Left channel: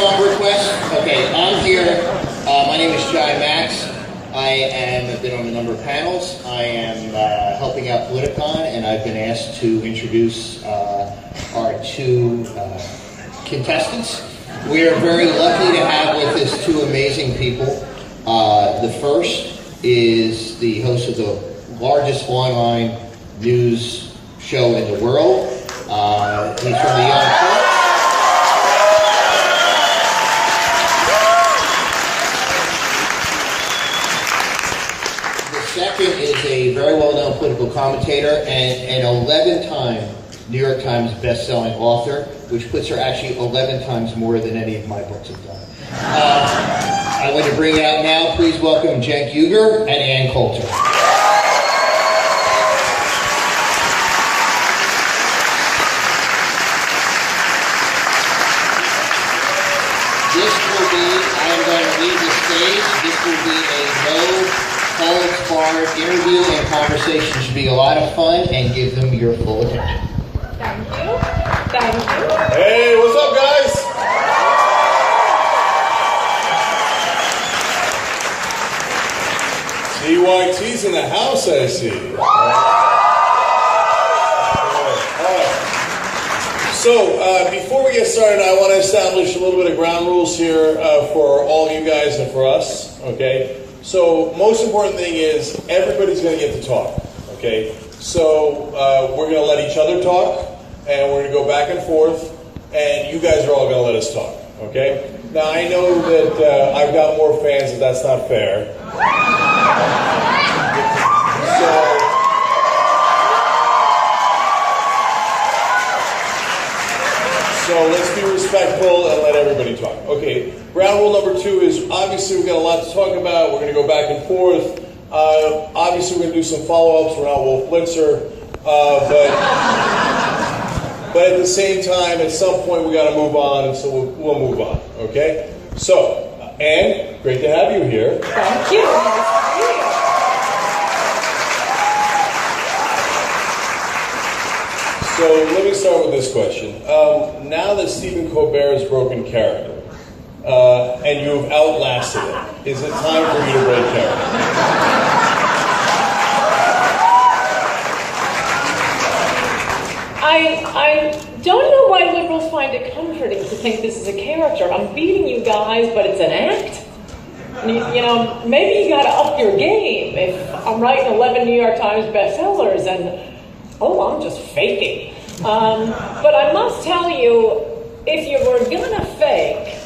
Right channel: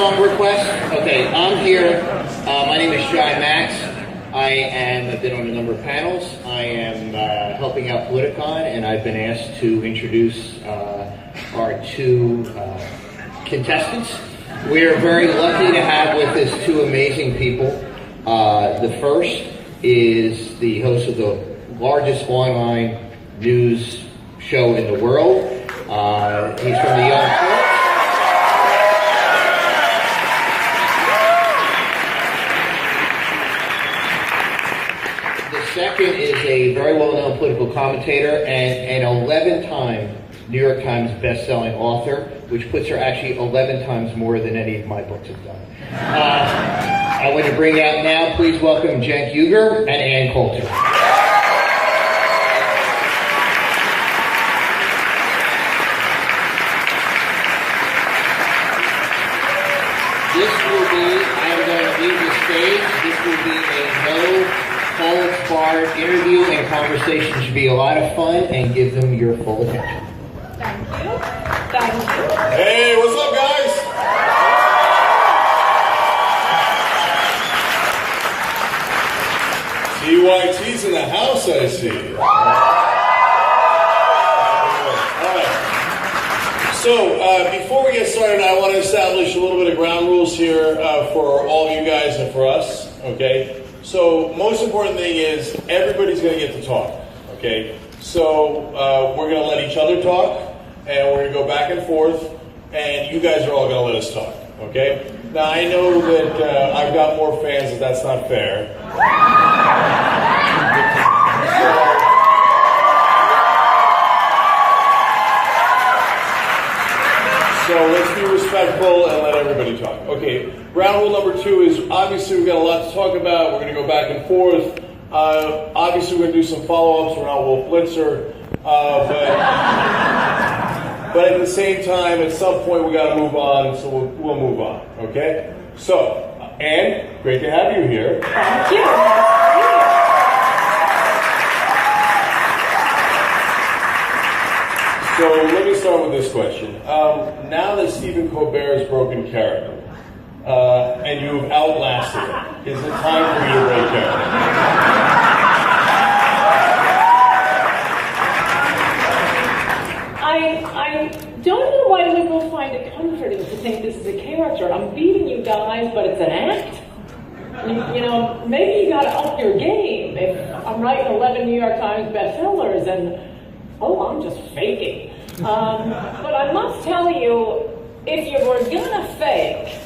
song request? Okay, I'm here. My name is Shy Max. I've been on a number of panels. I am helping out Politicon, and I've been asked to introduce our two contestants. We are very lucky to have with us two amazing people. The first is the host of the largest online news show in the world. He's from the Young Turks. The second is a very well-known political commentator and an 11-time New York Times best-selling author, which puts her actually 11 times more than any of my books have done. I want to bring out now, please welcome Cenk Uygur and Ann Coulter. I'm going to leave the stage. This will be a no-holds-barred interview, and conversation should be a lot of fun, and give them your full attention. Thank you. Thank you. Hey, what's up, guys? CYT's in the house, I see. So, before we get started, I want to establish a little bit of ground rules here for all you guys and for us, okay? So, most important thing is everybody's going to get to talk, okay? So, we're going to let each other talk, and we're going to go back and forth, and you guys are all going to let us talk, okay? Now, I know that I've got more fans, and that's not fair. So let's be respectful and let everybody talk. Okay, ground rule number 2 is obviously we've got a lot to talk about. We're going to go back and forth. Obviously we're going to do some follow-ups around Wolf Blitzer. But at the same time, at some point we got to move on, and so we'll move on. Okay? So, Ann, great to have you here. Thank you. So let me start with this question. Now that Stephen Colbert has broken character, and you've outlasted it, is it time for you to break character? I don't know why liberals find it comforting to think this is a character. I'm beating you guys, but it's an act. You know, maybe you got to up your game. If I'm writing 11 New York Times bestsellers and, oh, I'm just faking. But I must tell you, if you were gonna fake,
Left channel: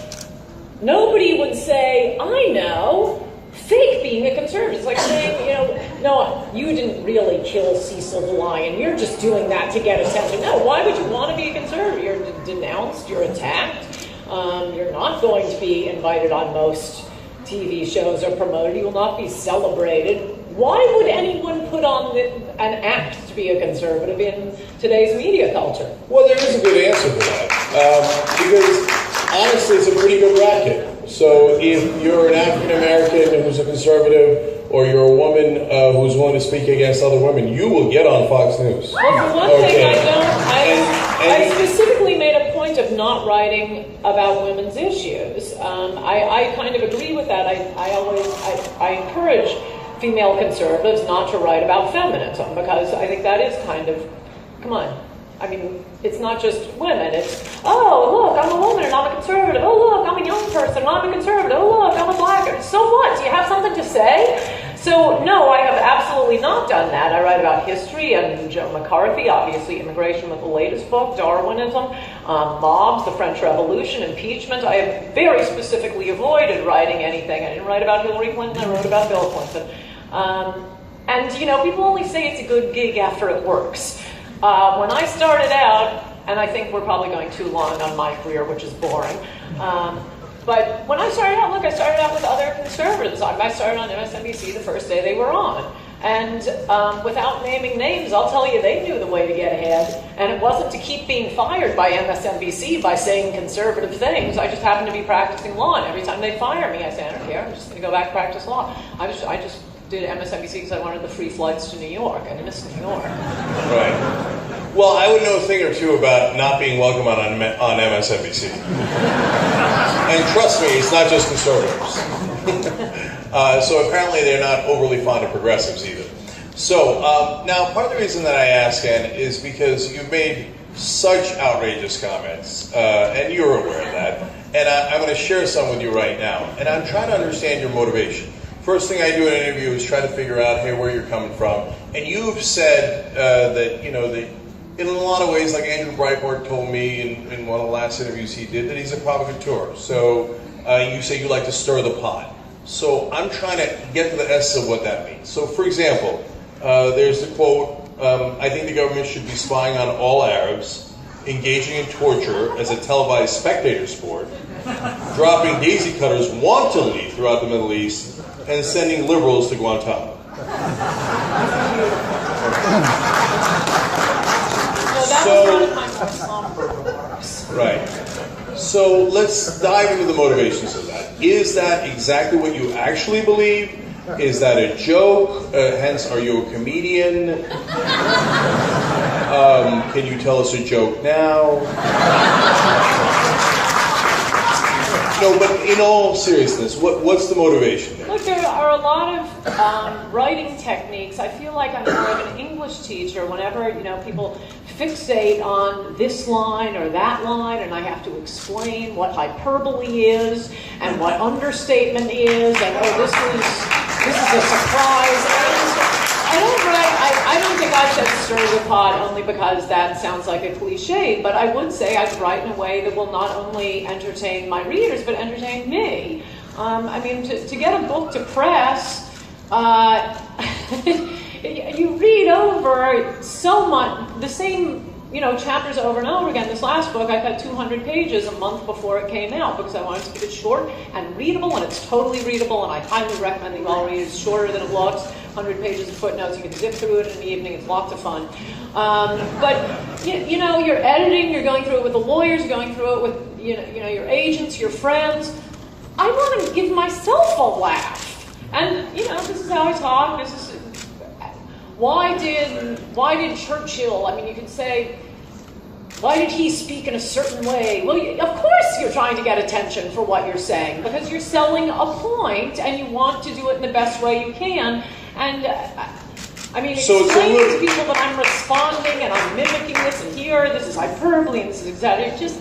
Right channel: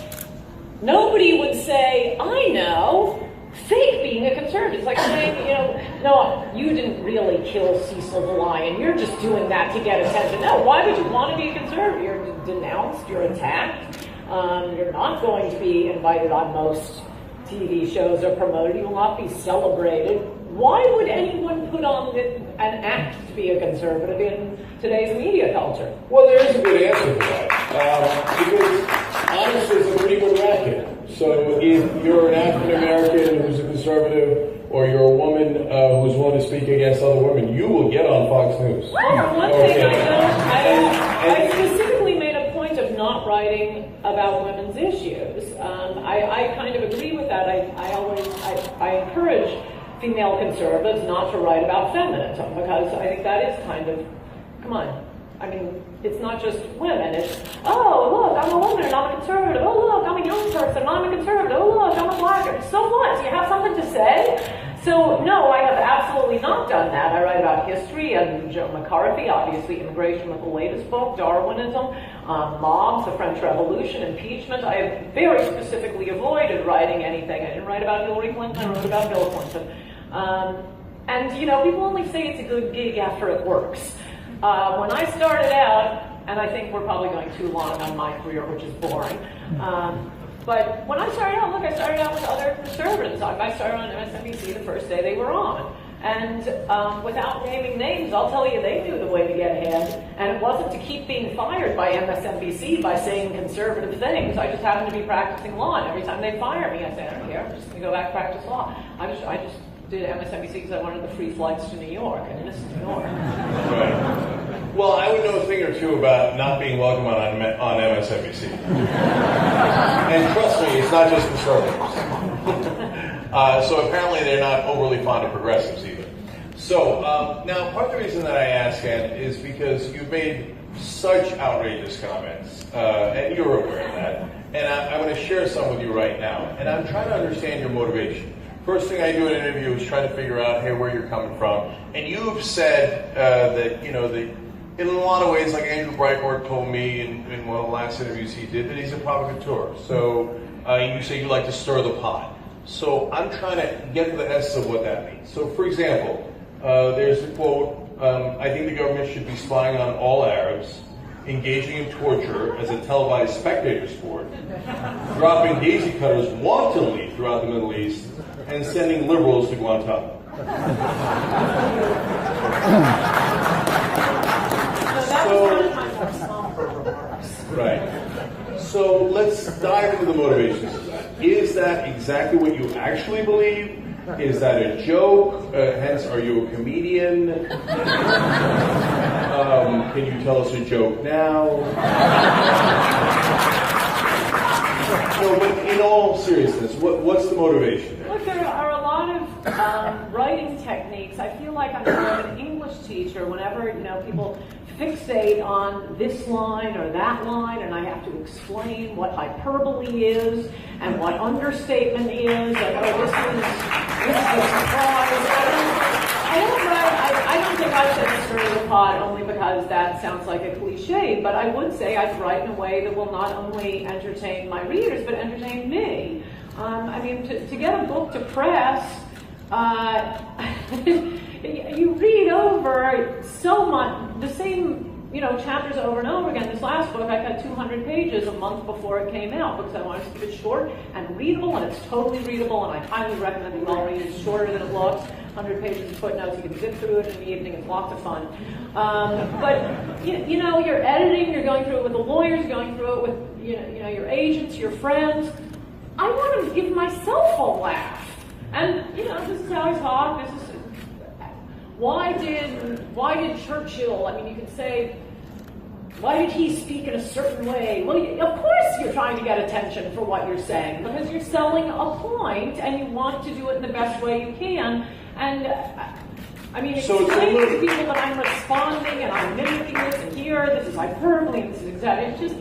nobody would say, I know, fake being a conservative. It's like saying, you know, no, you didn't really kill Cecil the Lion. You're just doing that to get attention. No, why would you want to be a conservative? You're denounced, you're attacked. You're not going to be invited on most TV shows or promoted. You will not be celebrated. Why would anyone put on an act to be a conservative in today's media culture? Well, there is a good answer to that. Because, honestly, it's a pretty good racket. So if you're an African-American who's a conservative, or you're a woman who's willing to speak against other women, you will get on Fox News. Well, for one thing, I specifically made a point of not writing about women's issues. I kind of agree with that. I encourage female conservatives not to write about feminism, because I think that is kind of, come on, I mean, it's not just women, it's, oh, look, I'm a woman and I'm a conservative, oh, look, I'm a young person and I'm a conservative, oh, look, I'm a black, so what, do you have something to say? So, no, I have absolutely not done that. I write about history and Joe McCarthy, obviously immigration with the latest book, Darwinism, mobs, the French Revolution, impeachment. I have very specifically avoided writing anything. I didn't write about Hillary Clinton, I wrote about Bill Clinton. And, you know, people only say it's a good gig after it works. When I started out, and I think we're probably going too long on my career, which is boring, but when I started out, look, I started out with other conservatives. I started on MSNBC the first day they were on. And without naming names, I'll tell you, they knew the way to get ahead. And it wasn't to keep being fired by MSNBC by saying conservative things. I just happened to be practicing law, and every time they fire me, I say, I don't care, I'm just going to go back and practice law. I just did MSNBC because I wanted the free flights to New York. I miss New York. Right. Well, I would know a thing or two about not being welcome on MSNBC. And trust me, it's not just conservatives. So apparently they're not overly fond of progressives either. So now part of the reason that I ask, Ann, is because you've made such outrageous comments, and you're aware of that. And I'm going to share some with you right now. And I'm trying to understand your motivation. First thing I do in an interview is try to figure out, hey, where you're coming from. And you've said that, you know, that in a lot of ways, like Andrew Breitbart told me in one of the last interviews he did, that he's a provocateur. So you say you like to stir the pot. So I'm trying to get to the essence of what that means. So for example, there's the quote, I think the government should be spying on all Arabs, engaging in torture as a televised spectator sport, dropping daisy cutters wantonly throughout the Middle East, and sending liberals to Guantanamo. Right. So let's dive into the motivations of that. Is that exactly what you actually believe? Is that a joke? Hence, are you a comedian? Can you tell us a joke now? No, but in all seriousness, what's the motivation there? Look, there are a lot of writing techniques. I feel like I'm more of an English teacher whenever, you know, people fixate on this line or that line, and I have to explain what hyperbole is and what understatement is, and oh, this is a surprise. I don't think I said stir the pot only because that sounds like a cliche, but I would say I'd write in a way that will not only entertain my readers, but entertain me. I mean, to get a book to press, you read over so much, the same, you know, chapters over and over again. This last book, I got 200 pages a month before it came out because I wanted to keep it short and readable, and it's totally readable, and I highly recommend you all read it. It's shorter than it looks, 100 pages of footnotes. You can zip through it in the evening. It's lots of fun. But, you know, you're editing, you're going through it with the lawyers, you're going through it with, you know, your agents, your friends. I want to give myself a laugh. And, you know, this is how I talk. This is, why did Churchill, I mean, you could say, why did he speak in a certain way? Well, of course you're trying to get attention for what you're saying, because you're selling a point and you want to do it in the best way you can. And, I mean, explaining to people that I'm responding and I'm mimicking this and here, this is hyperbole and this is exactly, just,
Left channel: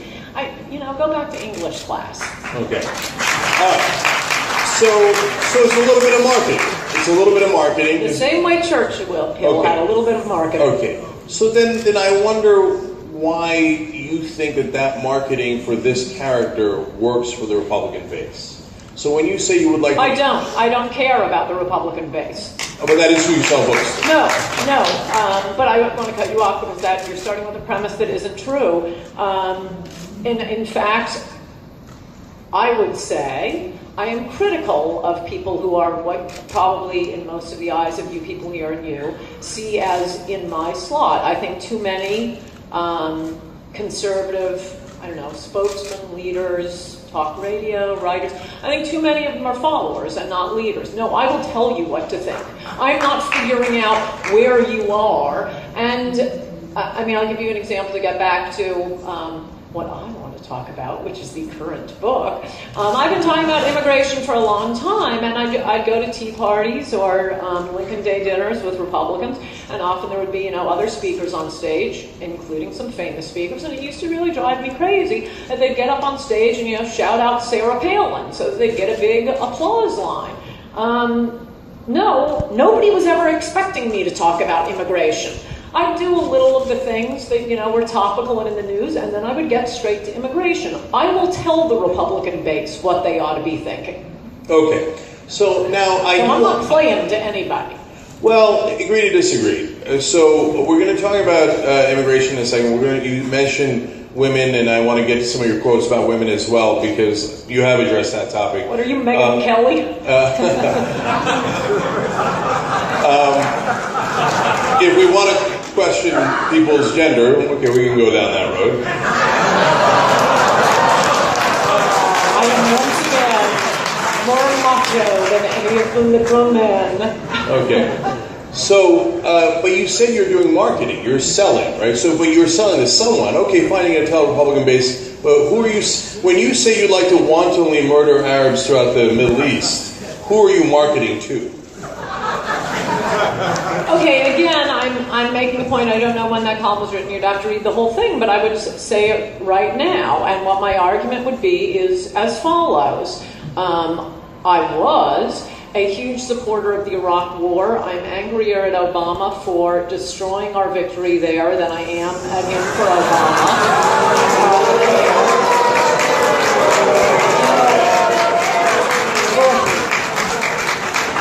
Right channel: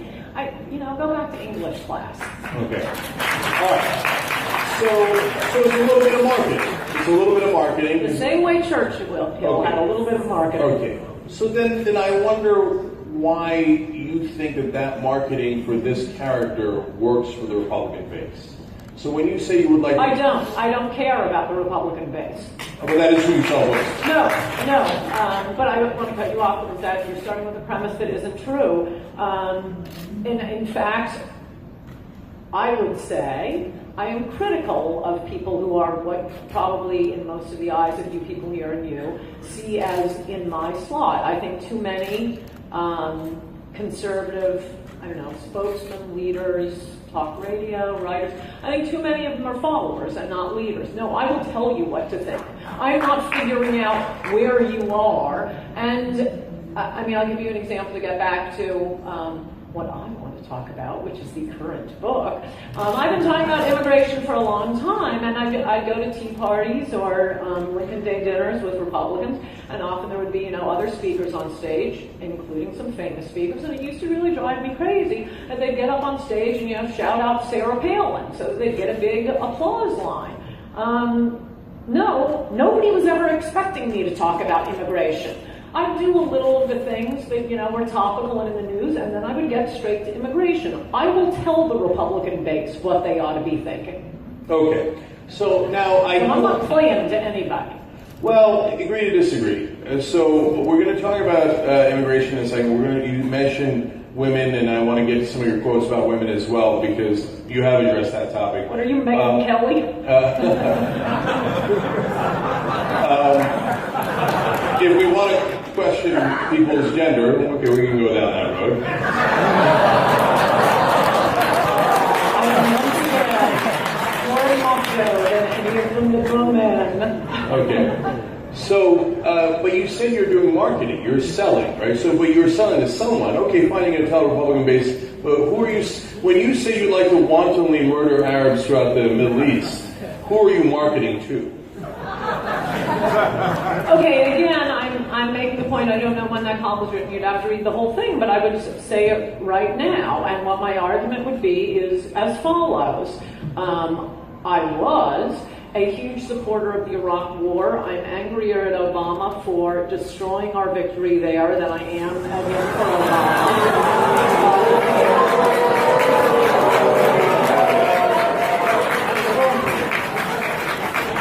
you know, go back to English class. Okay. So it's a little bit of marketing. It's a little bit of marketing. The same way Churchill had a little bit of marketing. Okay. So then I wonder why you think that marketing for this character works for the Republican base. So when you say you would like... I don't care about the Republican base. But that is who you sell books to. No. But I don't want to cut you off because that you're starting with a premise that isn't true. In fact, I would say I am critical of people who are what probably in most of the eyes of you people here and you see as in my slot. I think too many conservative, I don't know, spokesmen, leaders, talk radio, writers, I think too many of them are followers and not leaders. No, I will tell you what to think. I'm not figuring out where you are. And, I mean, I'll give you an example to get back to what I want to talk about, which is the current book. I've been talking about immigration for a long time, and I'd go to tea parties or Lincoln Day dinners with Republicans, and often there would be, you know, other speakers on stage, including some famous speakers, and it used to really drive me crazy that they'd get up on stage and, you know, shout out Sarah Palin, so that they'd get a big applause line. No, nobody was ever expecting me to talk about immigration. I'd do a little of the things that, you know, were topical and in the news, and then I would get straight to immigration. I will tell the Republican base what they ought to be thinking. Okay. So now I'm not playing to anybody. Well, agree to disagree. So we're going to talk about immigration in a second. You mentioned women, and I want to get to some of your quotes about women as well, because you have addressed that topic. What are you, Megyn Kelly? If we want to question people's gender, okay, we can go down that road. I am once again more macho than any of the women. Okay. So, but you said you're doing marketing, you're selling, right? So, but you're selling to someone. Okay, fine, you're going to tell a Republican base who are you? When you say you'd like to wantonly murder Arabs throughout the Middle East, who are you marketing to? Okay, and again, I'm making the point, I don't know when that column was written, you'd have to read the whole thing, but I would say it right now, and what my argument would be is as follows. I was a huge supporter of the Iraq War. I'm angrier at Obama for destroying our victory there than I am at him for Obama.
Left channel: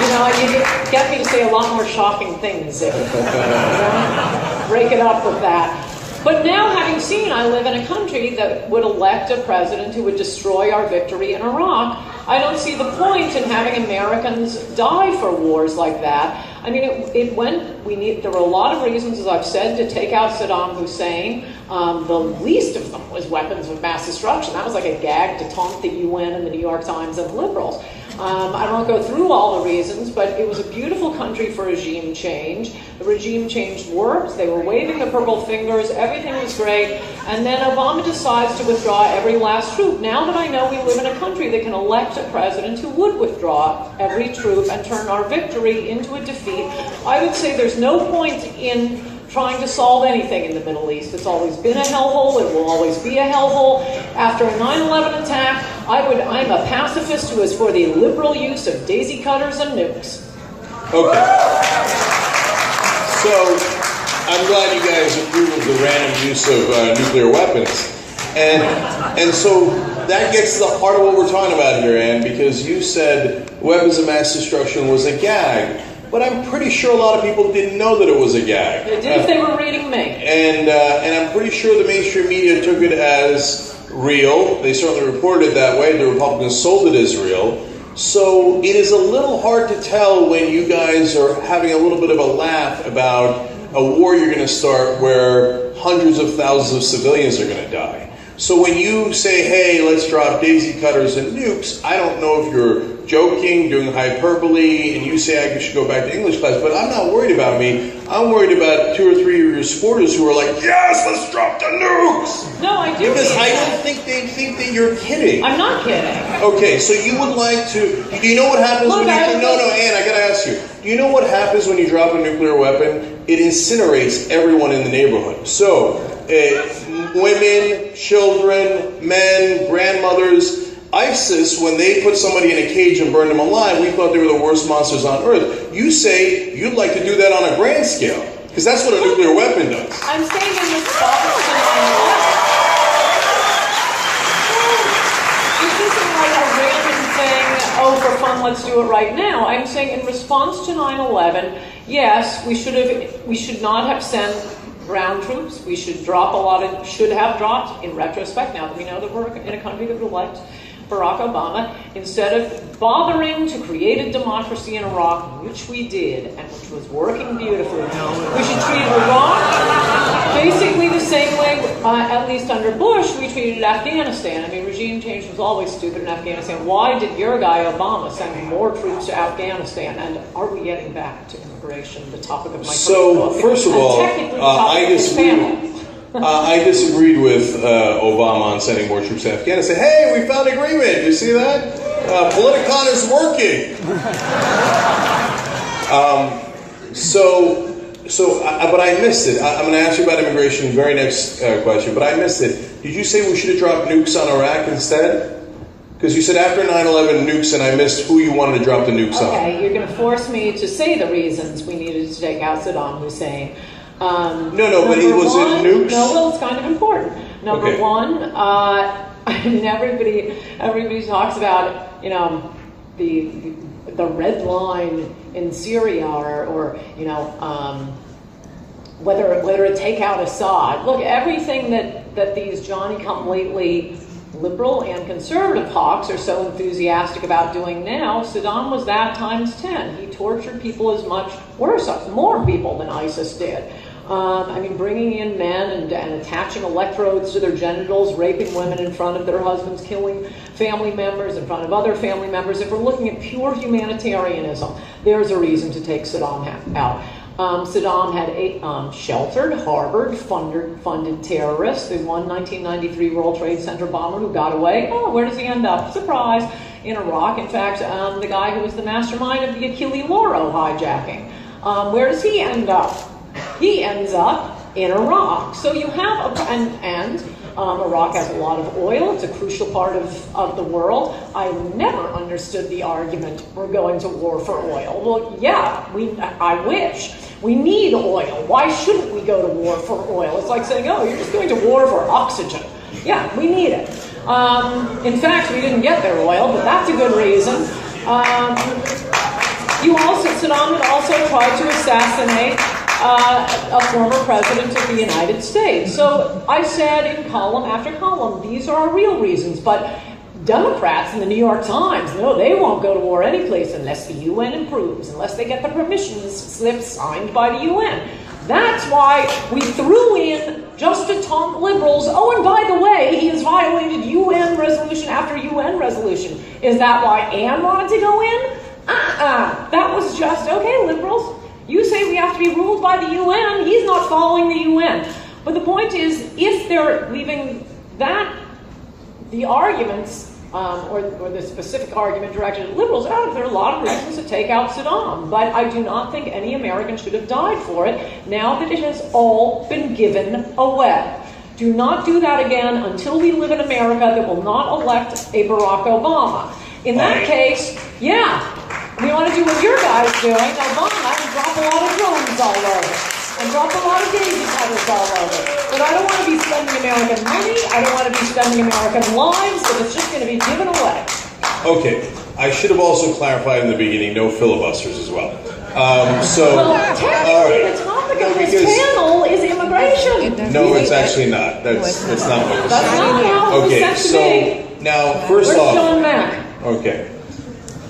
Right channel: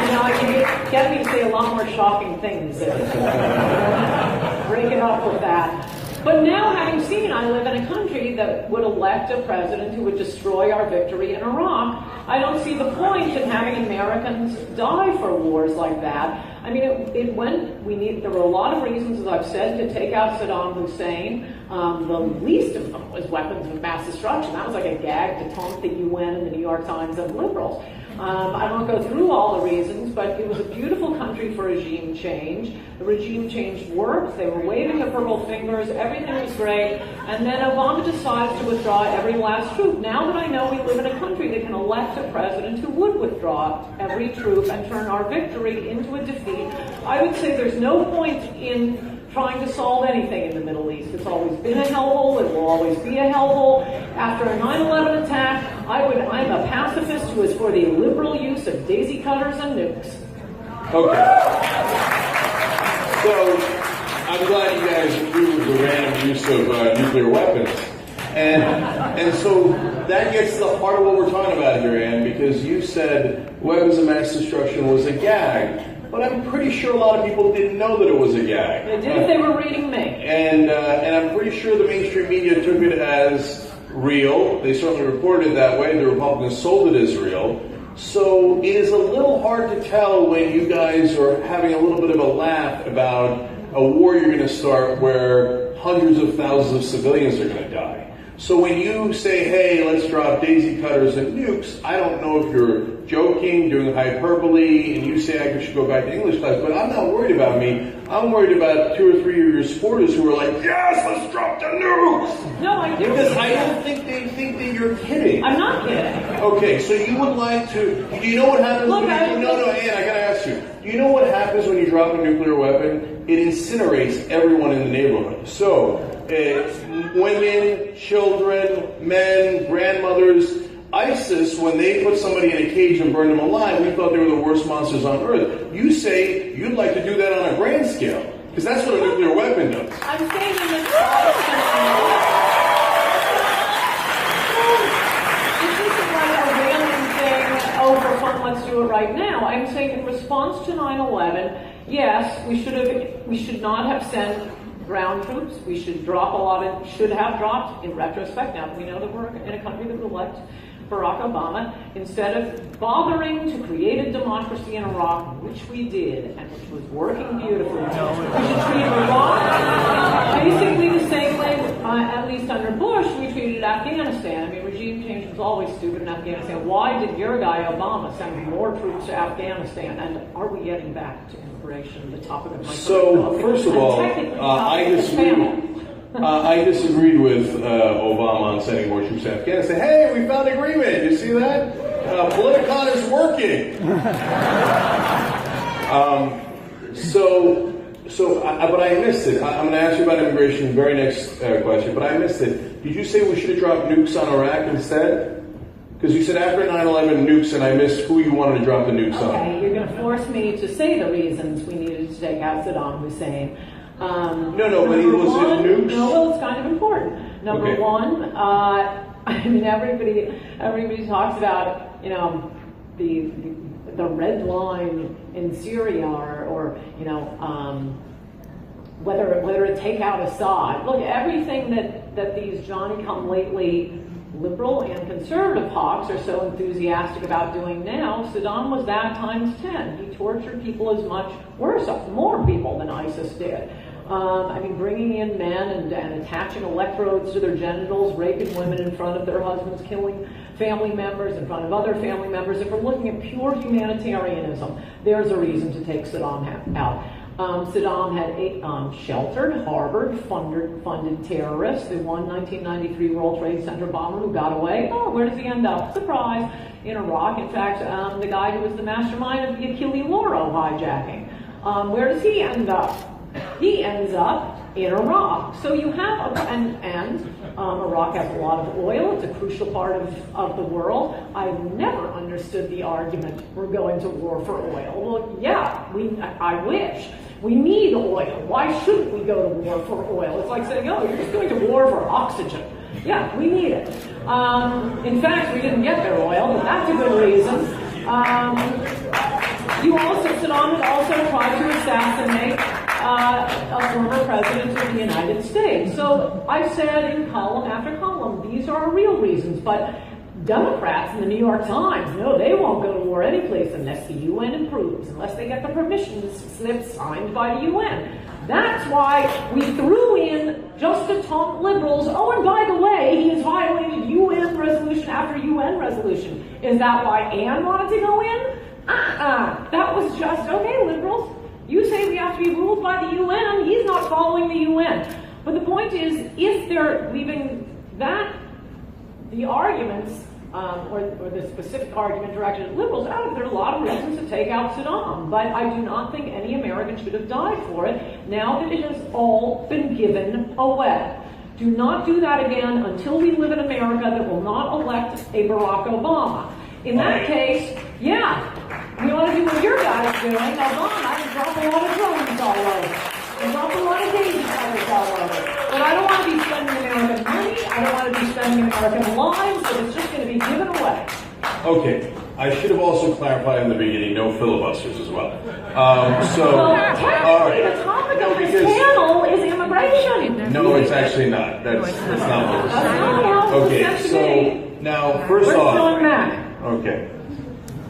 You know, you get me to say a lot more shocking things if break it up with that. But now, having seen I live in a country that would elect a president who would destroy our victory in Iraq, I don't see the point in having Americans die for wars like that. I mean, there were a lot of reasons, as I've said, to take out Saddam Hussein. The least of them was weapons of mass destruction. That was like a gag to taunt the UN and the New York Times and liberals. I don't go through all the reasons, but it was a beautiful country for regime change. The regime change worked. They were waving the purple fingers. Everything was great. And then Obama decides to withdraw every last troop. Now that I know we live in a country that can elect a president who would withdraw every troop and turn our victory into a defeat, I would say there's no point in trying to solve anything in the Middle East. It's always been a hellhole. It will always be a hellhole. After a 9/11 attack, I'm a pacifist who is for the liberal use of daisy cutters and nukes. Okay. So I'm glad you guys agree with the random use of nuclear weapons. And so that gets to the heart of what we're talking about here, Ann, because you said weapons of mass destruction was a gag. But I'm pretty sure a lot of people didn't know that it was a gag. They did if they were reading me. And I'm pretty sure the mainstream media took it as real. They certainly reported it that way. The Republicans sold it as real. So it is a little hard to tell when you guys are having a little bit of a laugh about a war you're going to start where hundreds of thousands of civilians are going to die. So when you say, hey, let's drop daisy cutters and nukes, I don't know if you're joking, doing hyperbole, and you say I should go back to English class, but I'm not worried about me. I'm worried about 2 or 3 of your supporters who are like, yes, let's drop the nukes! No, I do. Because I don't think they think that you're kidding. I'm not kidding. Okay, so you would like to... Do you know what happens when you... No, Ann, I gotta ask you. Do you know what happens when you drop a nuclear weapon? It incinerates everyone in the neighborhood. So, women, children, men, grandmothers... ISIS, when they put somebody in a cage and burned them alive, we thought they were the worst monsters on earth. You say you'd like to do that on a grand scale, because that's what a nuclear weapon does. I'm saying in response to 9/11, this isn't like a random thing, oh, for fun, let's do it right now. I'm saying in response to 9/11, yes, we should not have sent ground troops. We should have dropped, in retrospect, now that we know that we're in a country that would elect Barack Obama, instead of bothering to create a democracy in Iraq, which we did, and which was working beautifully. We should treat Iraq basically the same way, at least under Bush, we treated Afghanistan. I mean, regime change was always stupid in Afghanistan. Why did your guy Obama send more troops to Afghanistan? And are we getting back to immigration, the topic of my So, first of all, I disagreed with Obama on sending more troops to Afghanistan. Hey, we found agreement. You see that? Politicon is working. But I missed it. I'm going to ask you about immigration in the very next question, but I missed it. Did you say we should have dropped nukes on Iraq instead? Because you said after 9/11 nukes, and I missed who you wanted to drop the nukes on. Okay, you're going to force me to say the reasons we needed to take out Saddam Hussein. But it was in nukes. No, well, it's kind of important. Number one, I mean, everybody talks about, you know, the red line in Syria, or you know, whether to take out Assad. Look, everything that these Johnny-come-lately liberal and conservative hawks are so enthusiastic about doing now, Saddam was that times 10. He tortured people as much, worse, more people than ISIS did. I mean, bringing in men and attaching electrodes to their genitals, raping women in front of their husbands, killing family members in front of other family members. If we're looking at pure humanitarianism, there's a reason to take Saddam out. Saddam had sheltered, harbored, funded terrorists. The one 1993 World Trade Center bomber who got away, where does he end up? Surprise, in Iraq. In fact, the guy who was the mastermind of the Achille Lauro hijacking, where does he end up? He ends up in Iraq. So you have, Iraq has a lot of oil. It's a crucial part of the world. I never understood the argument, we're going to war for oil. Well, yeah, I wish. We need oil. Why shouldn't we go to war for oil? It's like saying, oh, you're just going to war for oxygen. Yeah, we need it. In fact, we didn't get their oil, but that's a good reason. Saddam had also tried to assassinate a former president of the United States. So I said in column after column, these are real reasons, but Democrats in the New York Times, no, they won't go to war any place unless the UN improves, unless they get the permission slip signed by the UN. That's why we threw in just a ton of liberals. Oh, and by the way, he has violated UN resolution after UN resolution. Is that why Ann wanted to go in? That was just, okay, liberals, you say we have to be ruled by the UN, he's not following the UN. But the point is, if they're leaving that, the arguments, or the specific argument directed at liberals, there are a lot of reasons to take out Saddam, but I do not think any American should have died for it, now that it has all been given away. Do not do that again until we live in America that will not elect a Barack Obama. In that case, yeah, we want to do what your guy's doing. Obama and drop a lot of drones all over, and drop a lot of daisy cutters all over. But I don't want to be spending American money. I don't want to be spending American lives, so it's just going to be given away. Okay, I should have also clarified in the beginning, no filibusters as well. Well, technically, the topic of this panel is immigration. No, it's actually not. That's not what we're saying. Okay, so now, first off, John Mack. Okay.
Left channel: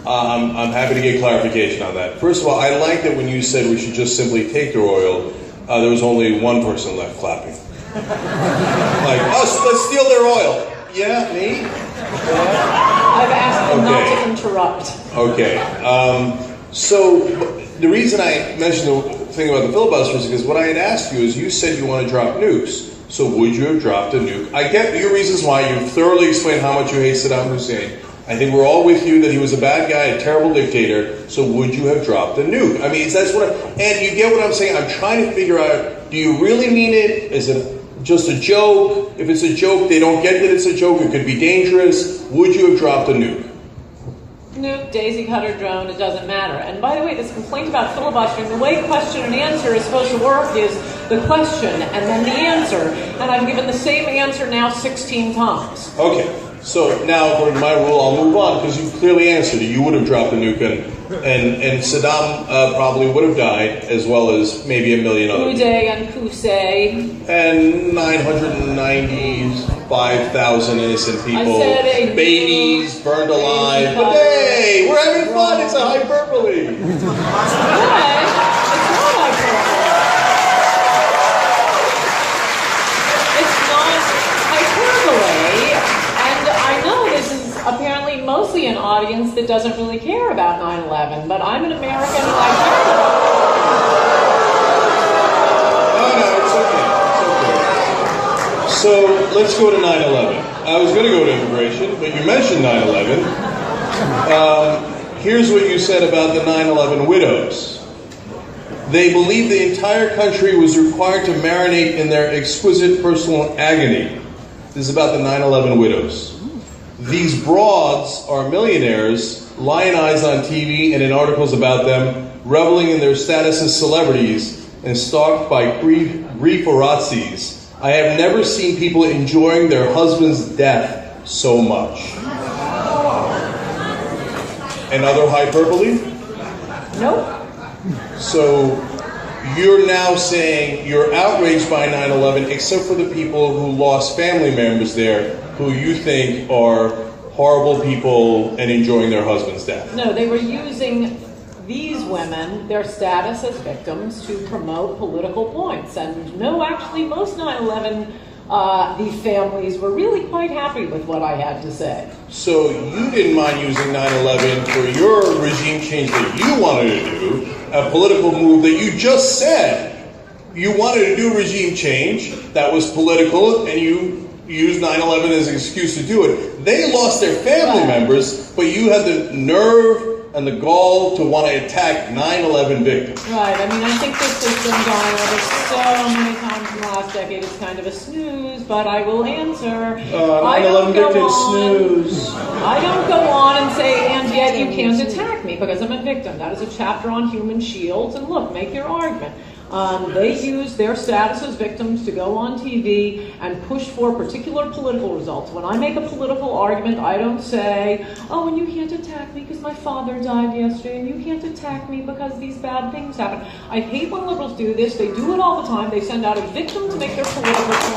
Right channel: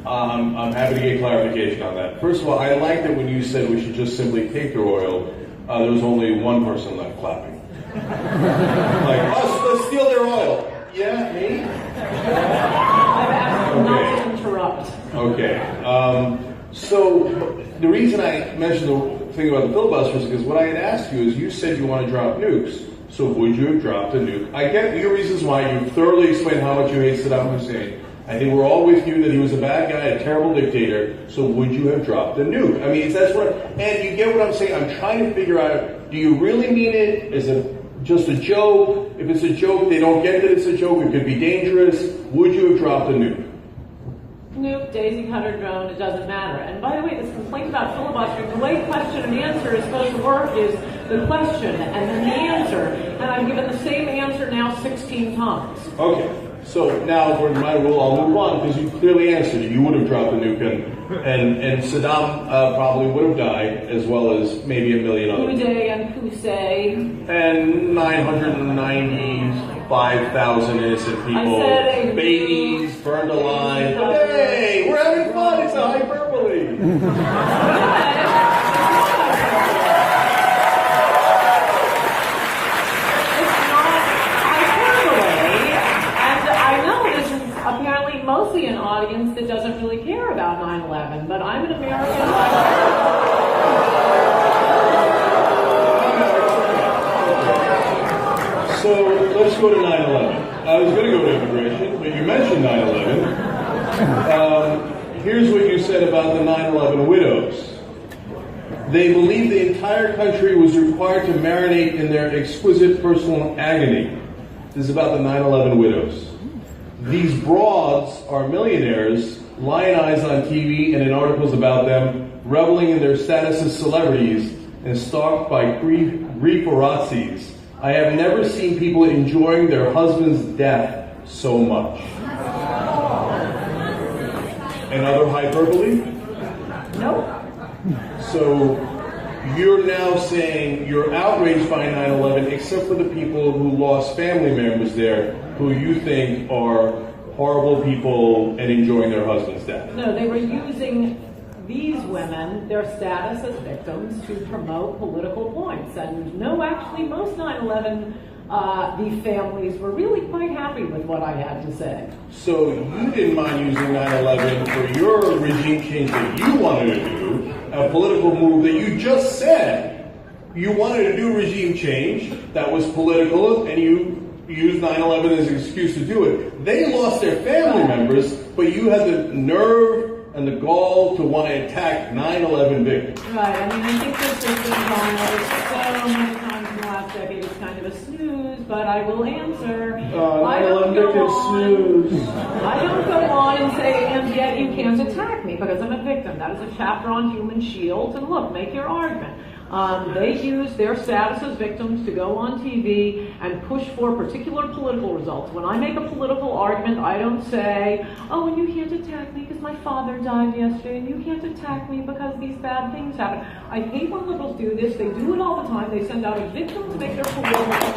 I'm happy to get clarification on that. First of all, I like that when you said we should just simply take their oil, there was only one person left clapping. Like, let's steal their oil. Yeah, me? I've asked them not to interrupt. Okay. So the reason I mentioned the thing about the filibusters is because what I had asked you is you said you want to drop nukes. So would you have dropped a nuke? I get your reasons why. You've thoroughly explained how much you hate Saddam Hussein. I think we're all with you that he was a bad guy, a terrible dictator. So would you have dropped a nuke? I mean, that's what. And you get what I'm saying. I'm trying to figure out: do you really mean it? Is it just a joke? If it's a joke, they don't get that it's a joke. It could be dangerous. Would you have dropped a nuke? Nuke, daisy cutter, drone, it doesn't matter. And by the way, this complaint about filibustering, the way question and answer is supposed to work is the question and then the answer. And I've given the same answer now 16 times. Okay. So now, for my rule, I'll move on because you clearly answered it. You would have dropped a nuke, and Saddam probably would have died, as well as maybe a million other people. Uday and Qusay. And 995,000 innocent people, babies burned alive. But hey, we're having fun. It's a hyperbole. Mostly an audience that doesn't really care about 9/11, but I'm an American and I care about it. No, it's okay. So let's go to 9/11. I was going to go to immigration, but you mentioned 9/11. Here's what you said about the 9/11 widows. They believed the entire country was required to marinate in their exquisite personal agony. This is about the 9/11 widows. These broads are millionaires, lionized on TV and in articles about them, reveling in their status as celebrities and stalked by grieferazzis. I have never seen people enjoying their husband's death so much. Another hyperbole? Nope. So you're now saying you're outraged by 9/11 except for the people who lost family members there who you think are horrible people and enjoying their husband's death. No, they were using these women, their status as victims, to promote political points. And no, actually, most 9/11 the families were really quite happy with what I had to say. So you didn't mind using 9/11 for your regime change that you wanted to do, a political move that you just said you wanted to do regime change that was political, and you used 9/11 as an excuse to do it. They lost their family members, but you had the nerve and the gall to want to attack 9/11 victims. Right. I mean, I think this has been going over so many times in the last decade. It's kind of a snooze, but I will answer. I don't go on and say, and yet you can't attack me because I'm a victim. That is a chapter on human shields. And look, make your argument. They use their status as victims to go on TV and push for particular political results. When I make a political argument, I don't say, oh, and you can't attack me because my father died yesterday, and you can't attack me because these bad things happen. I hate when liberals do this. They do it all the time. They send out a victim to make their political point.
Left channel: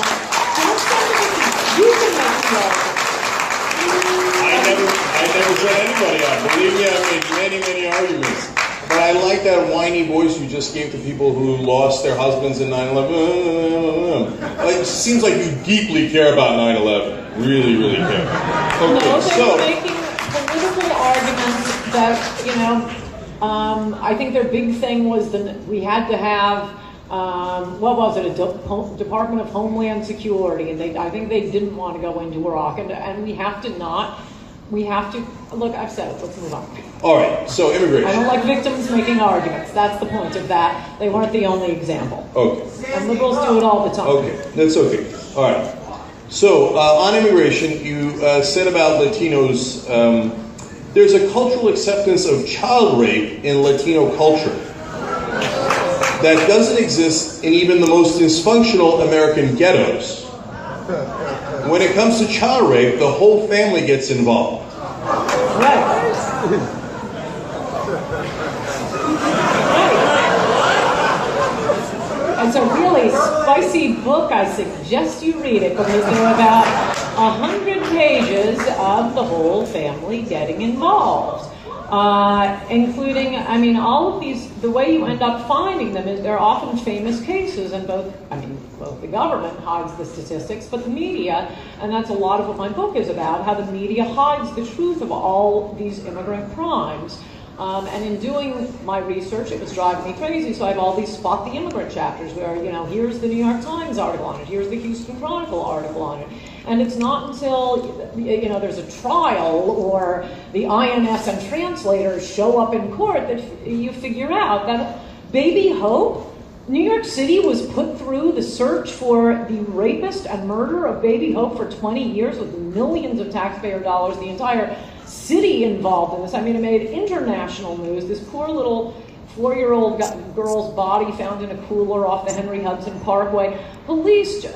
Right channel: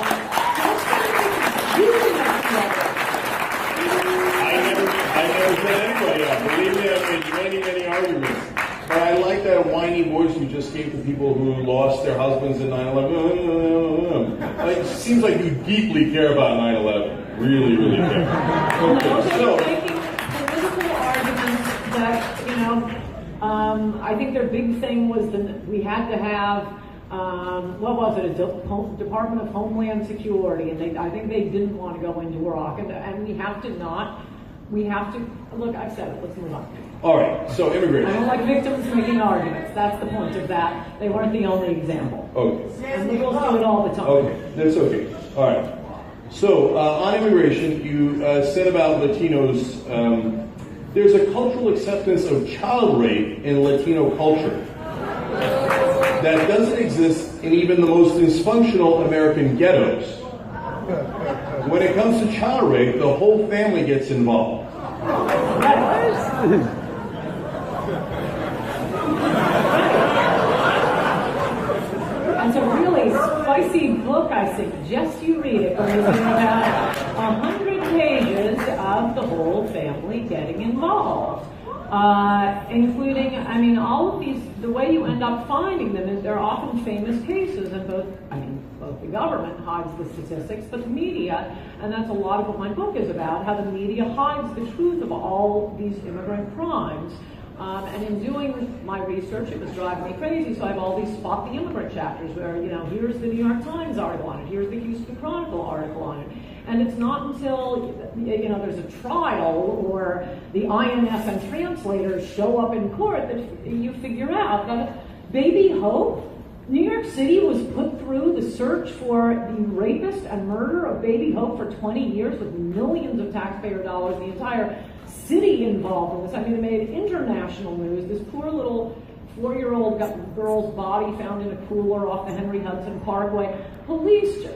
I never set anybody up. Believe me, I've made many arguments. But I like that whiny voice you just gave to people who lost their husbands in 9/11. It seems like you deeply care about 9/11. Really care. No, they're making political arguments that, I think their big thing was that we had to have, what was it, a Department of Homeland Security, and I think they didn't want to go into Iraq, and we have to, look, I've said it, let's move on. All right, so immigration. I don't like victims making arguments. That's the point of that. They weren't the only example. Okay. And liberals do it all the time. Okay, that's okay. All right. So on immigration, you said about Latinos, there's a cultural acceptance of child rape in Latino culture that doesn't exist in even the most dysfunctional American ghettos. When it comes to child rape, the whole family gets involved. It's a really spicy book. I suggest you read it because there are about 100 pages of the whole family getting involved, including, all of these. The way you end up finding them is they're often famous cases, and both the government hides the statistics, but the media, and that's a lot of what my book is about, how the media hides the truth of all these immigrant crimes. And in doing my research, it was driving me crazy, so I have all these Spot the Immigrant chapters where, here's the New York Times article on it, here's the Houston Chronicle article on it. And it's not until, there's a trial or the INS and translators show up in court that you figure out that Baby Hope, New York City was put through the search for the rapist and murderer of Baby Hope for 20 years with millions of taxpayer dollars, the entire city involved in this. It made international news. This poor little 4-year-old girl's body found in a cooler off the Henry Hudson Parkway. Police,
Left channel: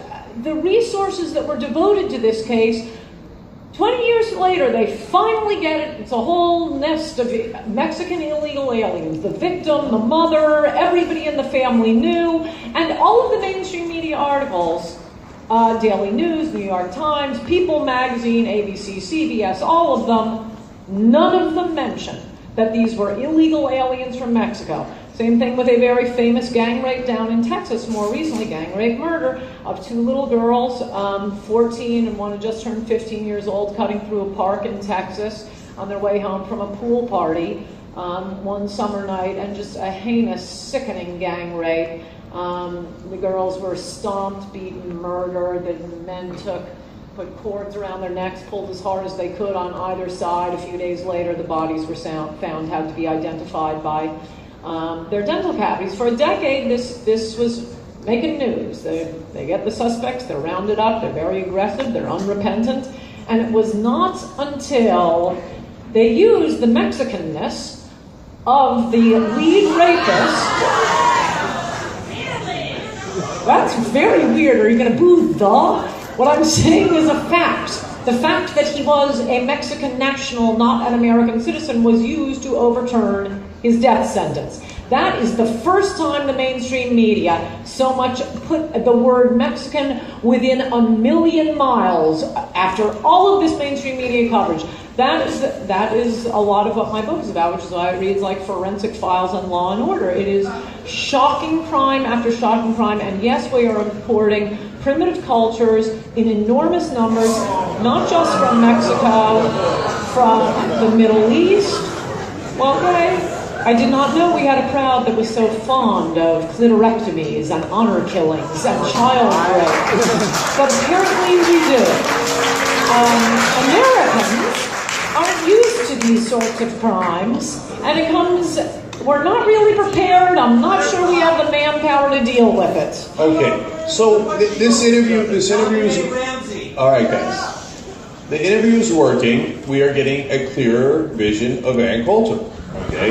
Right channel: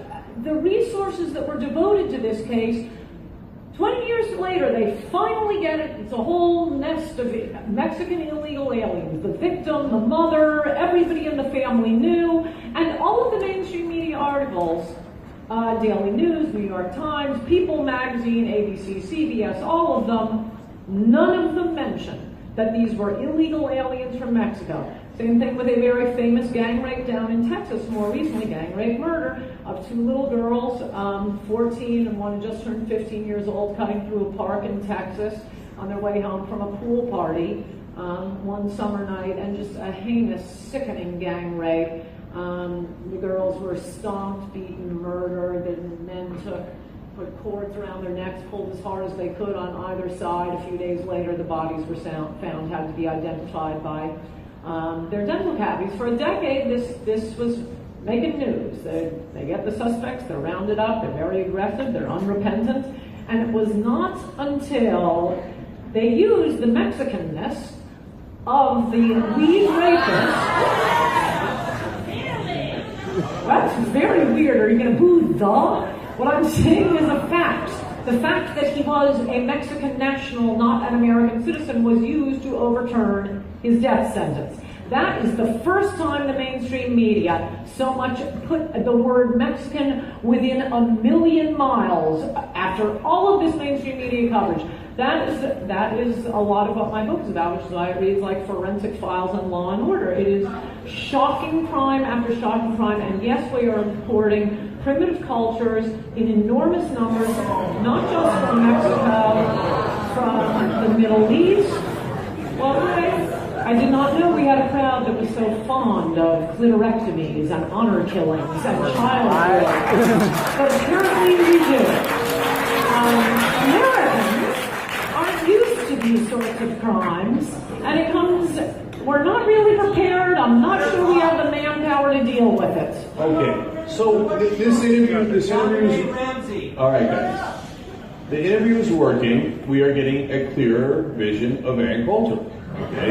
the resources that were devoted to this case, 20 years later, they finally get it. It's a whole nest of Mexican illegal aliens. The victim, the mother, everybody in the family knew. And all of the mainstream media articles, Daily News, New York Times, People Magazine, ABC, CBS, all of them, none of them mention that these were illegal aliens from Mexico. Same thing with a very famous gang rape down in Texas, more recently, gang rape murder of 2 little girls, 14 and one just turned 15 years old, cutting through a park in Texas on their way home from a pool party one summer night, and just a heinous, sickening gang rape. The girls were stomped, beaten, murdered. The men put cords around their necks, pulled as hard as they could on either side. A few days later, the bodies were found, had to be identified by their dental cavities. For a decade, this was making news. They get the suspects, they're rounded up, they're very aggressive, they're unrepentant. And it was not until they used the Mexicanness of the lead rapist. That's very weird. Are you going to boo the? What I'm saying is a fact. The fact that he was a Mexican national, not an American citizen, was used to overturn his death sentence. That is the first time the mainstream media so much put the word Mexican within a million miles after all of this mainstream media coverage. That is a lot of what my book is about, which is why it reads like forensic files on Law and Order. It is shocking crime after shocking crime, and yes, we are importing primitive cultures in enormous numbers, not just from Mexico, from the Middle East. Okay, I did not know we had a crowd that was so fond of clitorectomies and honor killings and child rape, but apparently we do. Americans aren't used to these sorts of crimes, and we're not really prepared. I'm not sure we have the manpower to deal with it. Okay, so this interview is, all right guys, the interview is working. We are getting a clearer vision of Ann Coulter. Okay,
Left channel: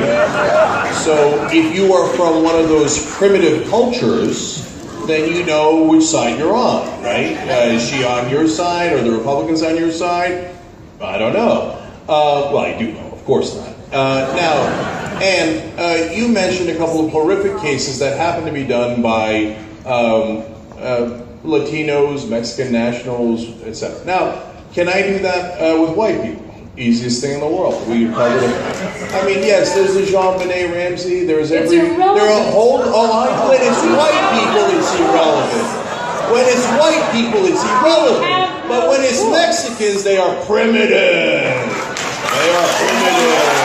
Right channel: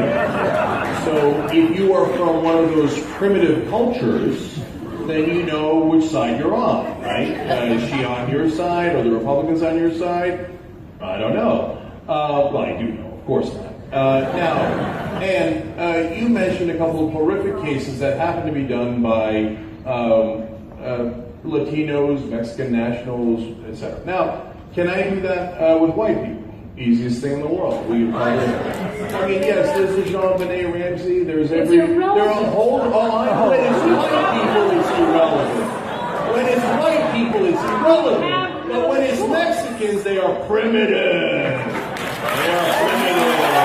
so if you are from one of those primitive cultures, then you know which side you're on, right? Is she on your side? Are the Republicans on your side? I don't know. Well, I do know, of course not. Now, Ann, you mentioned a couple of horrific cases that happen to be done by Latinos, Mexican nationals, etc. Now, can I do that with white people? Easiest thing in the world. I mean, yes, there's the Jean-Benet Ramsey, there's It's irrelevant. there are a whole lot. When it's white people, it's irrelevant. When it's white people, it's irrelevant. But when it's Mexicans, they are primitive. They are primitive.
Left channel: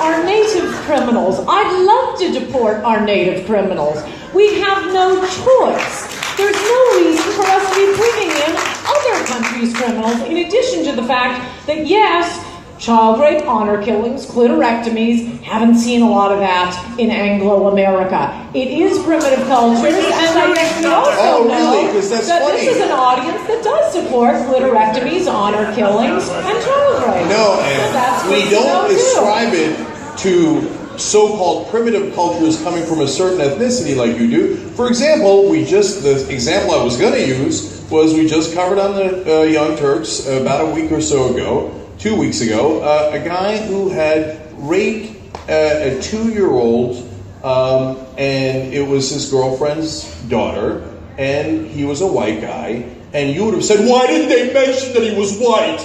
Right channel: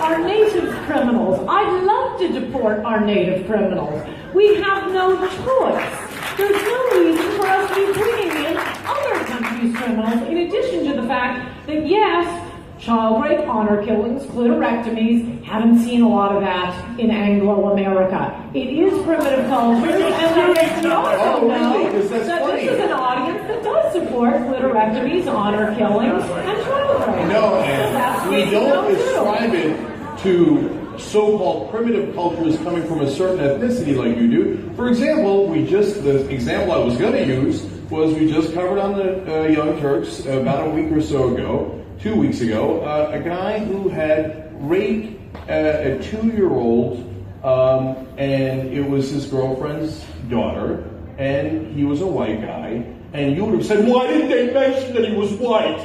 Our native criminals. I'd love to deport our native criminals. We have no choice. There's no reason for us to be bringing in other countries' criminals, in addition to the fact that, yes, child rape, honor killings, clitorectomies, haven't seen a lot of that in Anglo-America. It is primitive cultures, and I guess we also know that this is an audience that does support clitorectomies, honor killings, and child rape. No, and we don't ascribe it to so-called primitive cultures coming from a certain ethnicity like you do. For example, the example I was going to use was we just covered on the Young Turks about a week or so ago, 2 weeks ago, a guy who had raped a 2-year-old, and it was his girlfriend's daughter, and he was a white guy, and you would have said, why didn't they mention that he was white?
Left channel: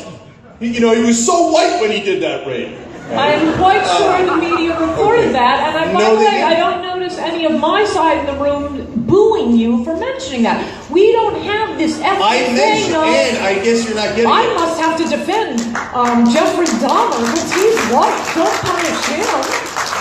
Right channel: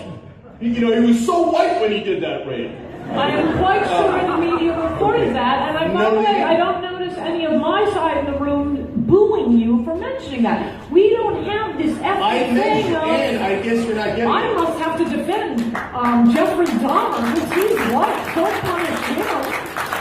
You know, he was so white when he did that rape. I'm quite sure the media reported that, and by the way, I don't notice any of my side of the room booing you for mentioning that. We don't have this ethnic thing. And I guess you're not getting I must have to defend Jeffrey Dahmer because he's white. Don't punish him.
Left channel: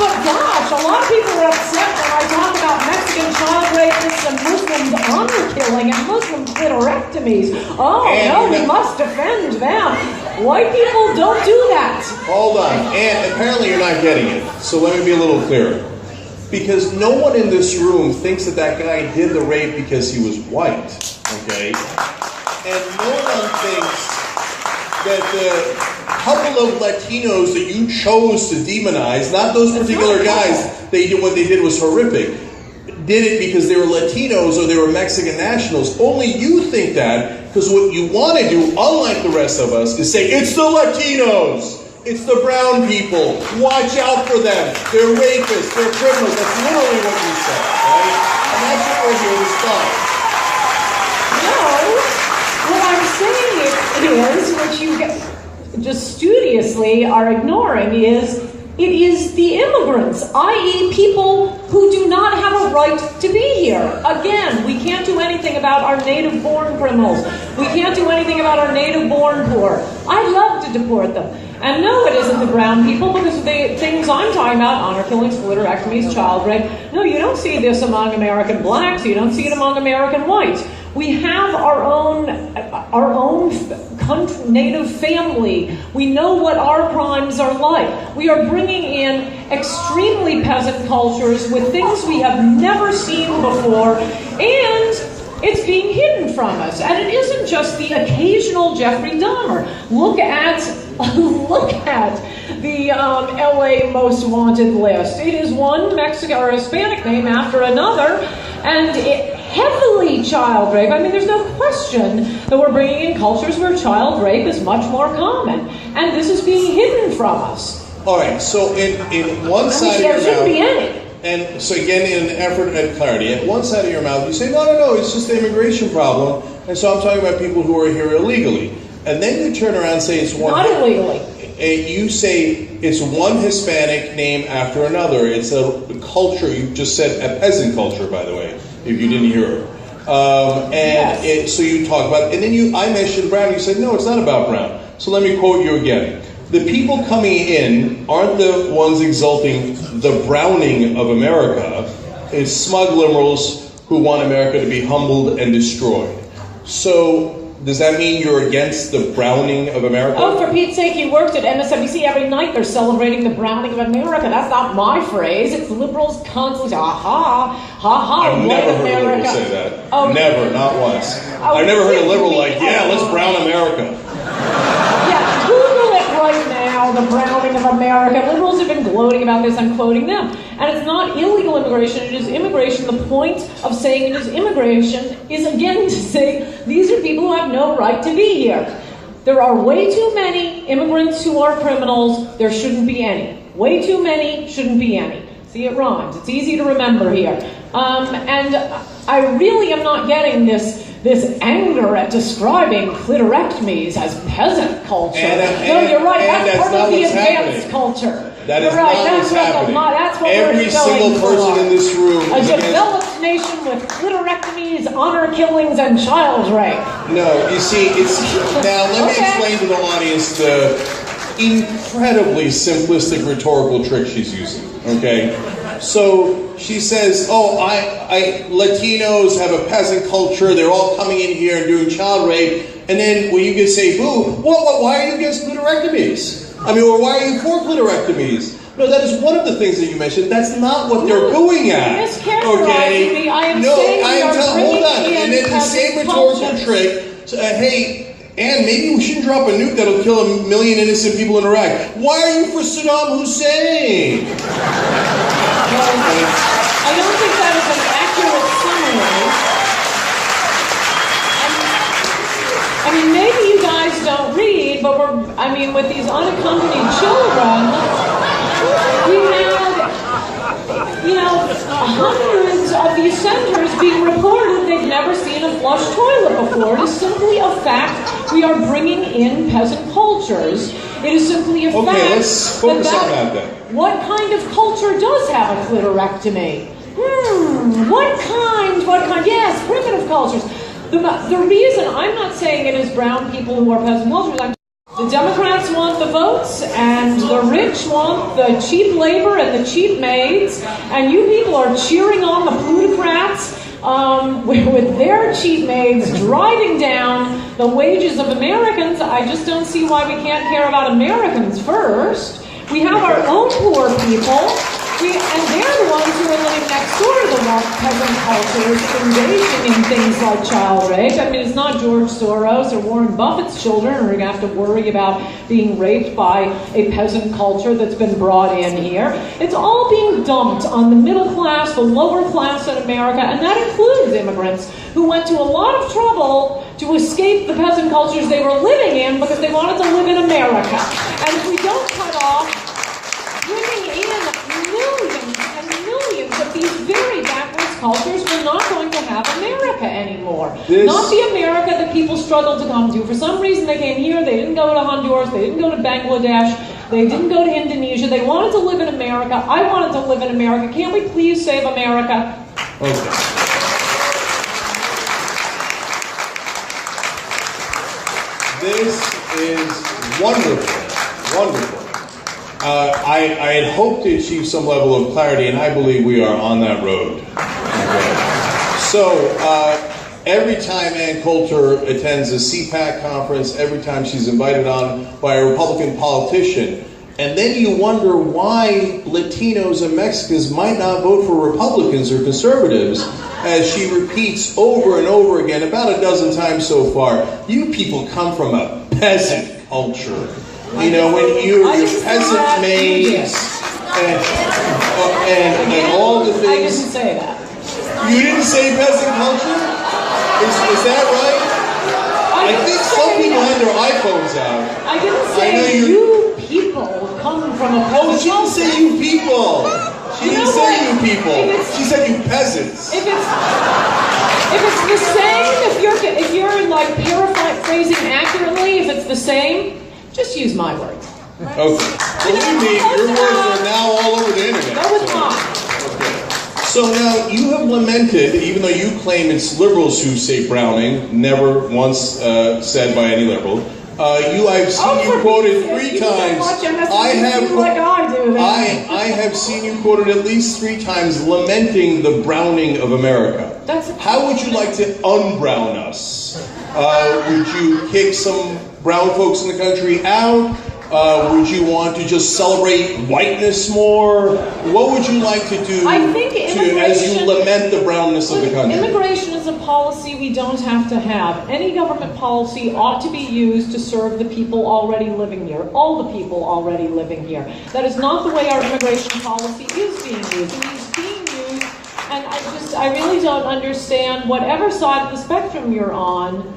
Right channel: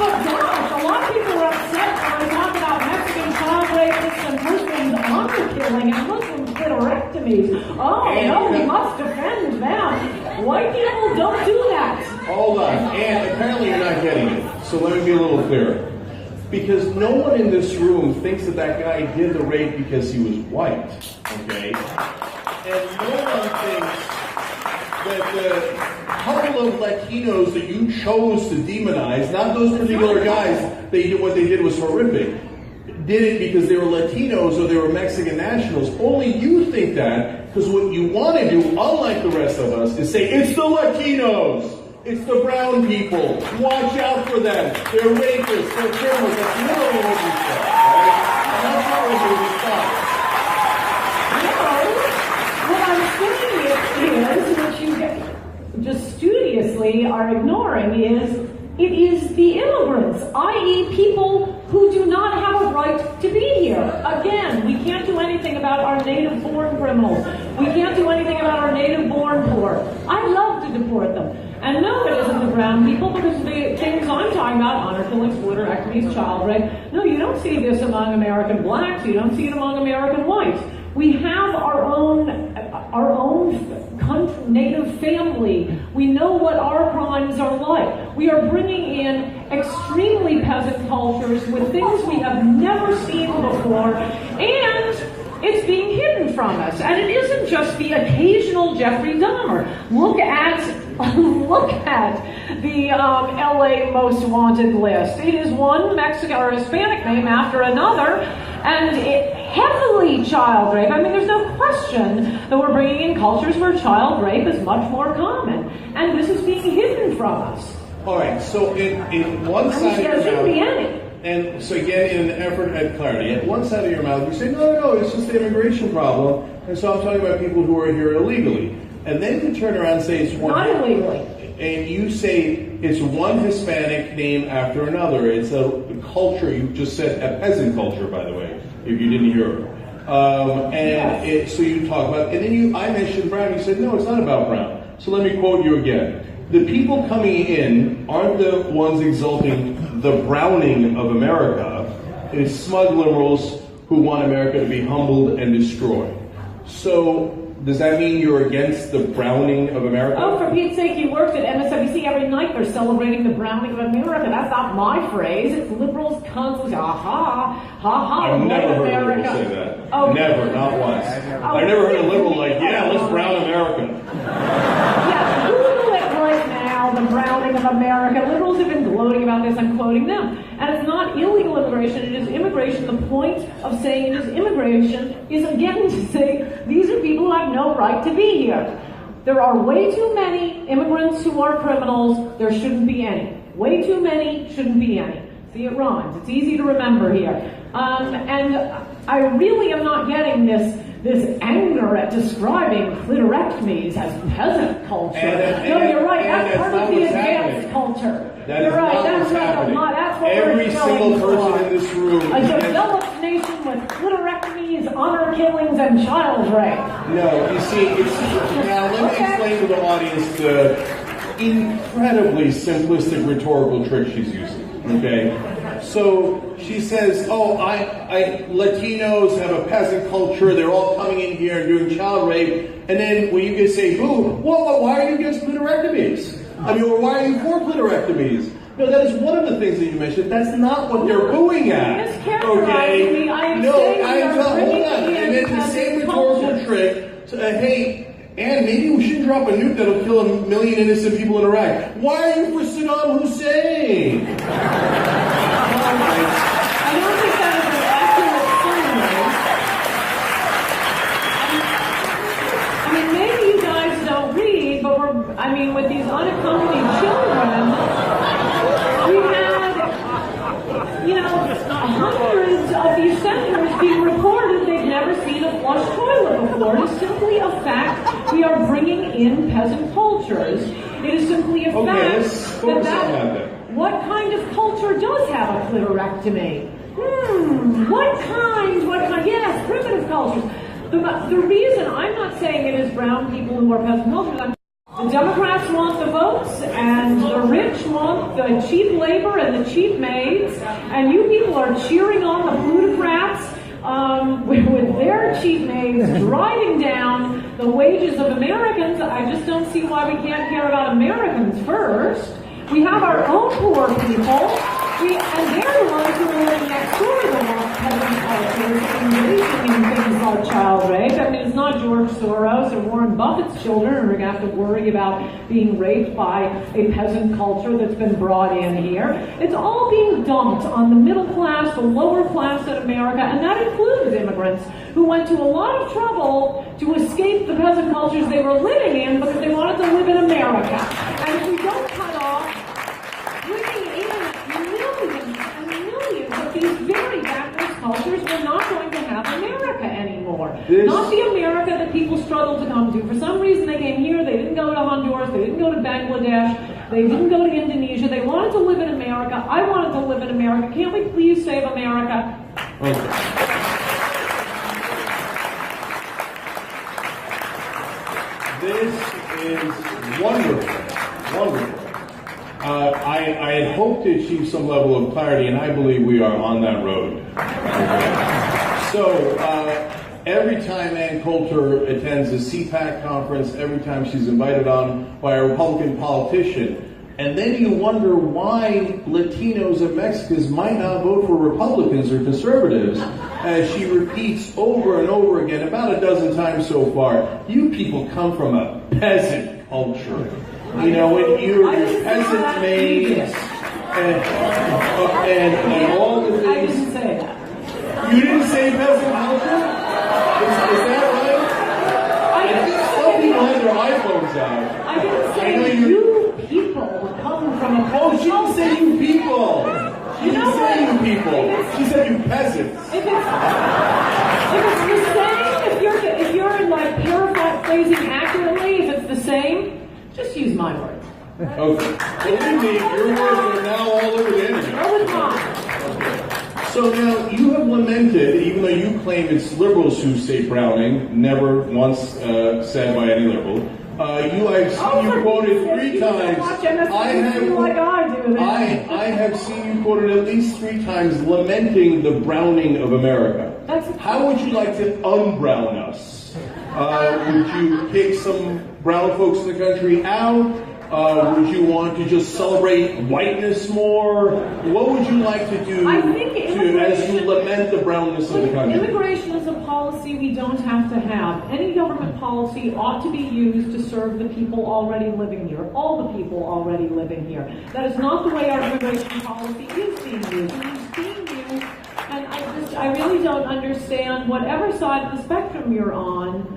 But gosh, a lot of people are upset when I talk about Mexican child rapists and Muslims honor killing and Muslim clitorectomies. Oh, no, we must defend them. White people don't do that. Hold on. And apparently you're not getting it. So let me be a little clearer. Because no one in this room thinks that guy did the rape because he was white. Okay? And no one thinks that the couple of Latinos that you chose to demonize, not those particular guys, what they did was horrific, did it because they were Latinos or they were Mexican nationals. Only you think that because what you want to do, unlike the rest of us, is say, it's the Latinos. It's the brown people. Watch out for them. They're rapists. They're criminals. That's literally what you said, right? And that's your response. No. What I'm saying is, what you just studiously are ignoring is, it is the immigrants, i.e. people who do not have a right to be here. Again, we can't do anything about our native-born criminals. We can't do anything about our native-born poor. I'd love to deport them. And no, it isn't the brown people, because the things I'm talking about, honor killings, clitorectomies, child rape, no, you don't see this among American blacks, you don't see it among American whites. We have our own country, native family. We know what our crimes are like. We are bringing in extremely peasant cultures with things we have never seen before, and it's being hidden from us. And it isn't just the occasional Jeffrey Dahmer. Look at the LA Most Wanted list. It is one Mexican or Hispanic name after another, and heavily child rape. I mean, there's no question that we're bringing in cultures where child rape is much more common, and this is being hidden from us. All right, so in one side of your mouth, shouldn't be any. and so again, in an effort at clarity, at one side of your mouth, you say, no, it's just the immigration problem, and so I'm talking about people who are here illegally. And then you turn around and say it's one... Not illegally. And you say it's one Hispanic name after another. It's a culture, you just said a peasant culture, by the way, if you didn't hear So you talk about, and then I mentioned Brown. You said no, it's not about Brown. So let me quote you again. The people coming in aren't the ones exalting the browning of America. It's smug liberals who want America to be humbled and destroyed. So does that mean you're against the browning of America? Oh, for Pete's sake, you worked at MSNBC every night. They're celebrating the browning of America. That's not my phrase. It's liberals constantly. I've never heard a liberal say that. Oh, never, not once. I've never heard a liberal like, yeah, let's brown America. Yeah, Google it right now, the browning of America. Liberals have been gloating about this. I'm quoting them. And it's not illegal immigration, it is immigration. The point of saying it is immigration is, again, to say these are people who have no right to be here. There are way too many immigrants who are criminals. There shouldn't be any. Way too many, shouldn't be any. See, it rhymes. It's easy to remember here. And I really am not getting this anger at describing clitorectomies as peasant culture. No, you're right. That's part of the advanced culture. That is not what's happening. That's what Every single person in this room. A developed nation with clitorectomies, honor killings, and child rape. No, you see, now let me explain to the audience the incredibly simplistic rhetorical trick she's using. Okay, so she says, Latinos have a peasant culture. They're all coming in here and doing child rape. And then when you can say, who? Why are you against clitorectomies? Or why are you for clitorectomies? No, that is one of the things that you mentioned. That's not what they're going at. Okay? Me. I am saying hold on. And then the same rhetorical trick. Hey, Ann, maybe we shouldn't drop a nuke that'll kill 1 million innocent people in Iraq. Why are you for Saddam Hussein? I don't think that is an accurate summary. I mean, maybe you guys don't read, but with these unaccompanied children, we had, hundreds of these centers being reported they've never seen a flush toilet before. It is simply a fact we are bringing in peasant cultures. It is simply a fact let's focus on that. What kind of culture does have a clitorectomy? What kind? Yes, primitive cultures. The reason, I'm not saying it is brown people who are peasant cultures. The Democrats want the votes, and the rich want the cheap labor and the cheap maids, and you people are cheering on the plutocrats with their cheap maids driving down the wages of Americans. I just don't see why we can't care about Americans first. We have our own poor people, and they're the ones who are living next door to the peasant cultures, engaging in things like child rape. I mean, it's not George Soros or Warren Buffett's children who are going to have to worry about being raped by a peasant culture that's been brought in here. It's all being dumped on the middle class, the lower class in America, and that includes immigrants who went to a lot of trouble to escape the peasant cultures they were living in because they wanted to live in America. And if we don't cut off bringing in millions and millions of these very backwards cultures, we're not going to have America anymore. Not the America that people struggled to come to. For some reason they came here, they didn't go to Honduras, they didn't go to Bangladesh, they didn't go to Indonesia, they wanted to live in America. I wanted to live in America. Can't we please save America? Okay. This is wonderful, wonderful. I had hoped to achieve some level of clarity, and I believe we are on that road. Okay. So, every time Ann Coulter attends a CPAC conference, every time she's invited on by a Republican politician, and then you wonder why Latinos and Mexicans might not vote for Republicans or conservatives, as she repeats over and over again, about a dozen times so far, you people come from a peasant culture. You know, when you're peasant maids and all the things. I didn't say that. You didn't say peasant culture? Is that right? I think some people had their iPhones out. I didn't say you people come from a peasant. Oh, she didn't say you people. She didn't say you people. She said you peasants. If it's the same, if you're like paraphrasing accurately, if it's the same, just use my words. Okay. Believe me, your words are now all over the internet. No, it's not. Okay. So now you have lamented, even though you claim it's liberals who say Browning, never once said by any liberal. I've seen you quoted 3 times. I have seen you quoted at least 3 times lamenting the Browning of America. How would you like to un-brown us? Would you kick some brown folks in the country out? Would you want to just celebrate whiteness more? What would you like to do as you lament the brownness of the country? Immigration is a policy we don't have to have. Any government policy ought to be used to serve the people already living here, all the people already living here. That is not the way our immigration policy is being used. It is being used, and I really don't understand whatever side of the spectrum you're on.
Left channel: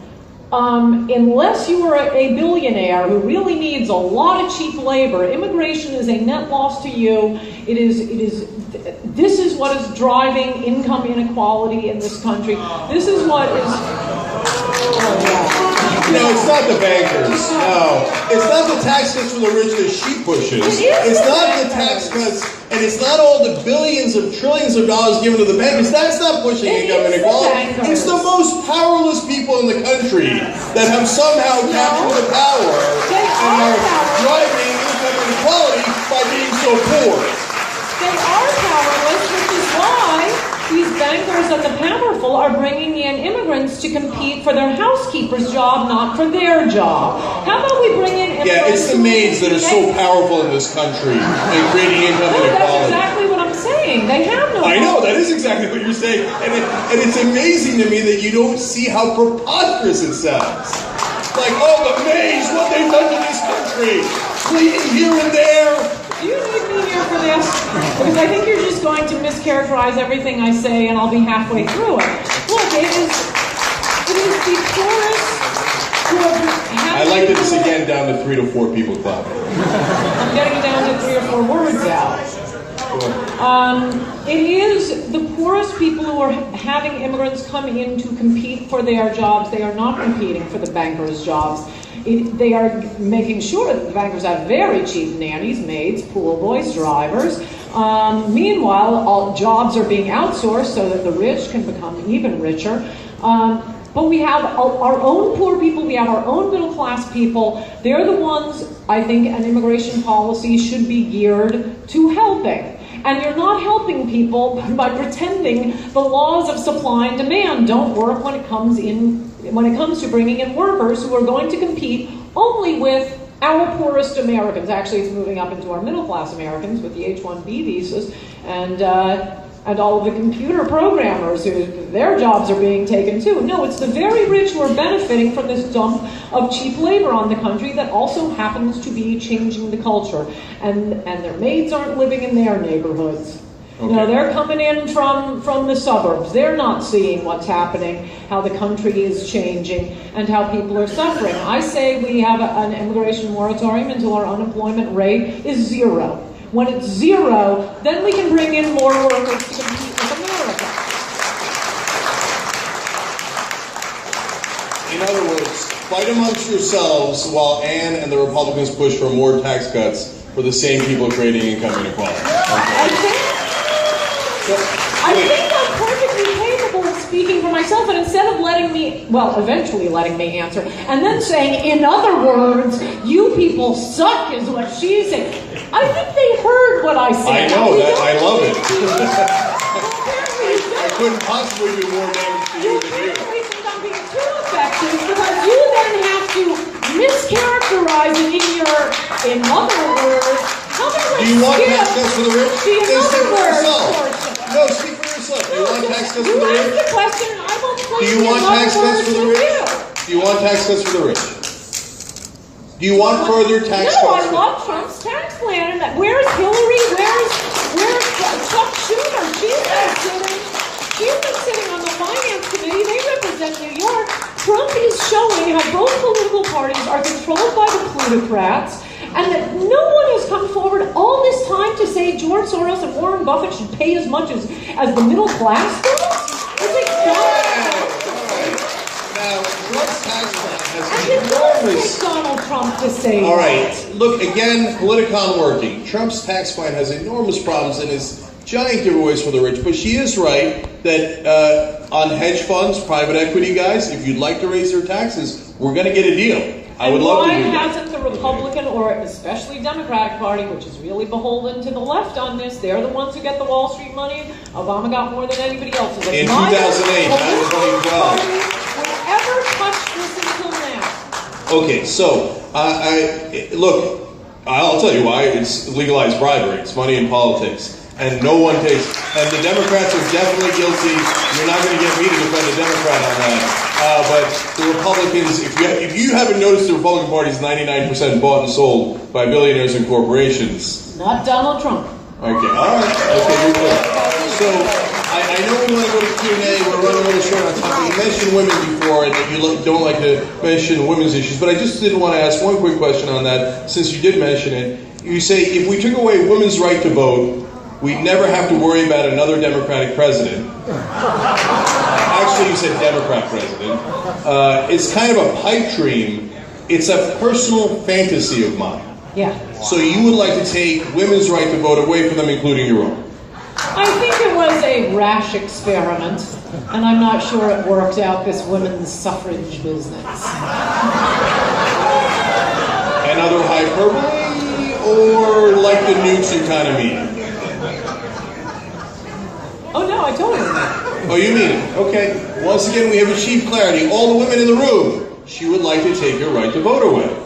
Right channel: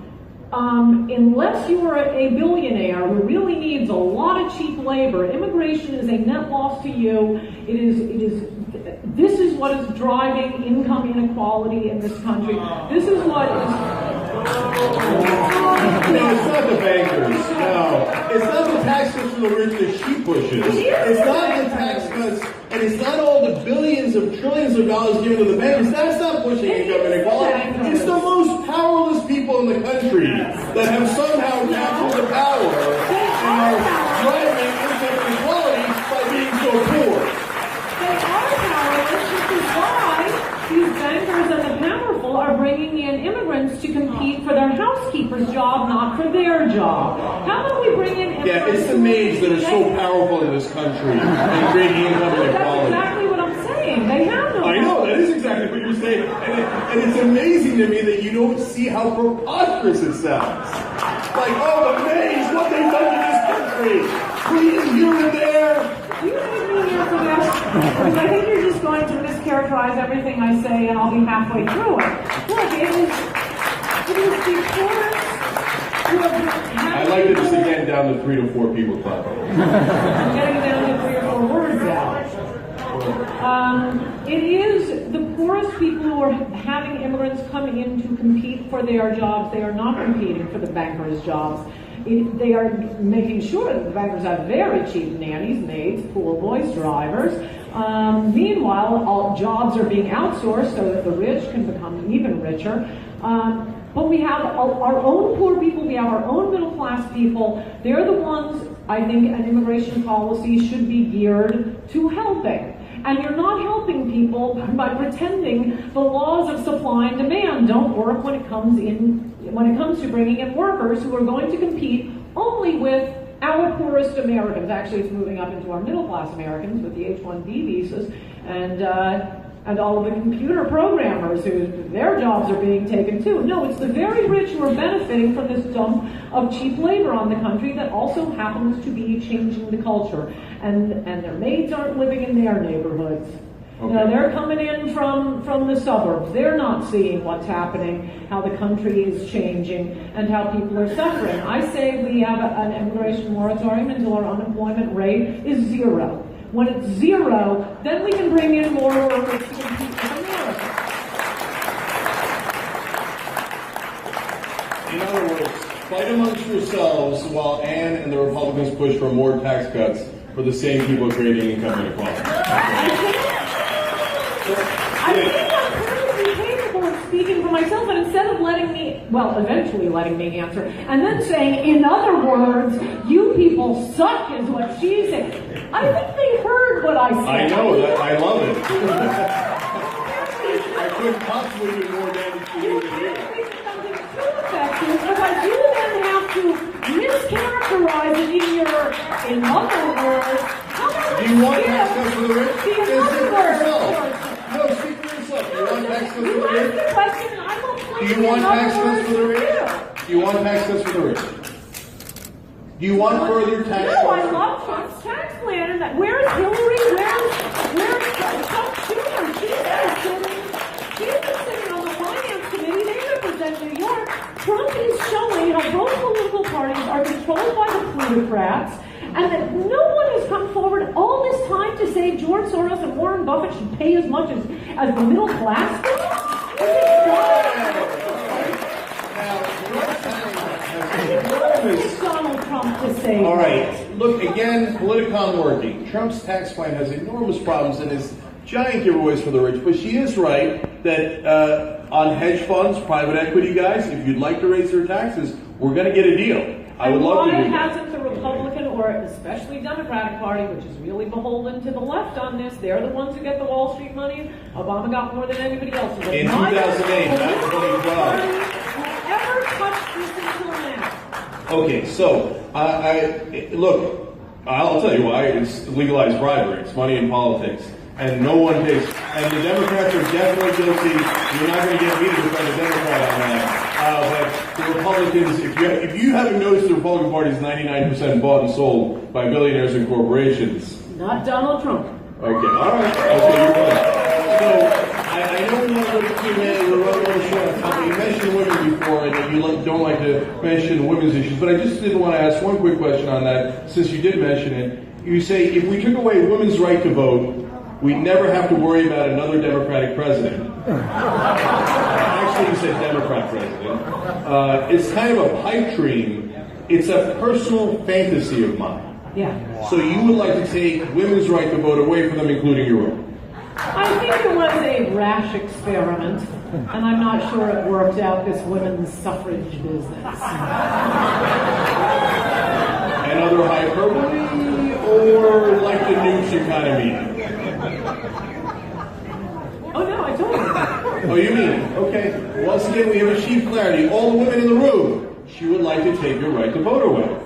Unless you are a billionaire who really needs a lot of cheap labor, immigration is a net loss to you. This is what is driving income inequality in this country. This is what is... No, it's not the bankers. No. It's not the tax cuts for the rich that she pushes. It's not the tax cuts, and it's not all the billions of trillions of dollars given to the bankers. That's not pushing income inequality. It's the most powerless people in the country that have somehow captured the power and are driving income inequality by being so poor. They are powerless, which is why these bankers and the powerful are bringing in immigrants to compete for their housekeeper's job, not for their job. How about we bring in immigrants? Yeah, it's the maids that are so powerful in this country and creating income inequality. That's exactly what I'm saying. They have no I know, that is exactly what you're saying. And it's amazing to me that you don't see how preposterous it sounds. Like, oh, the maids, what they've done to this country. Cleaning here and there. Do you need me here for this? Because I think you're just going to mischaracterize everything I say and I'll be halfway through it. Look, it is the poorest who have had... I'd like this again down to 3 to 4 people club. I'm getting it down to 3 or 4 words out. It is the poorest people who are having immigrants come in to compete for their jobs. They are not competing for the bankers' jobs. They are making sure that the bankers have very cheap nannies, maids, pool boys, drivers. Meanwhile, all jobs are being outsourced so that the rich can become even richer. But we have our own poor people, we have our own middle class people. They're the ones, I think, an immigration policy should be geared to helping. And you're not helping people by pretending the laws of supply and demand don't work when it comes to bringing in workers who are going to compete only with our poorest Americans. Actually, it's moving up into our middle-class Americans with the H-1B visas and all of the computer programmers who their jobs are being taken too. No, it's the very rich who are benefiting from this dump of cheap labor on the country that also happens to be changing the culture. And their maids aren't living in their neighborhoods. Okay. You know, they're coming in from the suburbs. They're not seeing what's happening, how the country is changing, and how people are suffering. I say we have an immigration moratorium until our unemployment rate is 0. When it's 0, then we can bring in more workers to compete with America. In other words, fight amongst yourselves while Ann and the Republicans push for more tax cuts for the same people creating income inequality. I think I'm perfectly capable of speaking for myself, and instead of eventually letting me answer, and then saying, in other words, you people suck is what she's saying. I think they heard what I said. I know that. I love it. I couldn't possibly do more damage to you than you. It's not being too effective because you then have to mischaracterize it in other words. Do you want tax cuts for the rich? Then speak for yourself. No, speak for yourself. Do you want tax cuts for the rich? Do you want tax cuts for the rich? Do you want tax cuts for the rich? Do you want further tax cuts? No, I love Trump's tax plan. And where's Hillary? Where's Chuck Schumer? She's been sitting on the finance committee. They represent New York. Trump is showing how both political parties are controlled by the plutocrats, and that no one has come forward all this time to say George Soros and Warren Buffett should pay as much as the middle class does. Donald Trump to say. All right. Look, again, Politicon working. Trump's tax plan has enormous problems, and giant giveaways for the rich, but she is right that on hedge funds, private equity guys, if you'd like to raise their taxes, we're going to get a deal. I would love to do that. And why hasn't the Republican or especially Democratic Party, which is really beholden to the left on this, they're the ones who get the Wall Street money. Obama got more than anybody else. In 2008, that was what he got. Ever touched this until now? Okay, so look, I'll tell you why. It's legalized bribery. It's money in politics. And no one takes, and the Democrats are definitely guilty. You're not going to get me to defend a Democrat on that. But the Republicans, if you haven't noticed, the Republican Party is 99% bought and sold by billionaires and corporations. Not Donald Trump. Okay, all right. Okay, you're right. So I know we want to go to Q&A. We're running a little short on time. You mentioned women before, and that you don't like to mention women's issues. But I just did want to ask one quick question on that, since you did mention it. You say if we took away women's right to vote, we'd never have to worry about another Democratic president. Actually, you said Democrat president. It's kind of a pipe dream. It's a personal fantasy of mine. Yeah. So you would like to take women's right to vote away from them, including your own? I think it was a rash experiment, and I'm not sure it worked out, this women's suffrage business. Another hyperbole, or like the nukes you kind of mean? Oh no, I told you. Oh, you mean it? Okay. Once again, we have achieved clarity. All the women in the room, she would like to take your right to vote away. Don't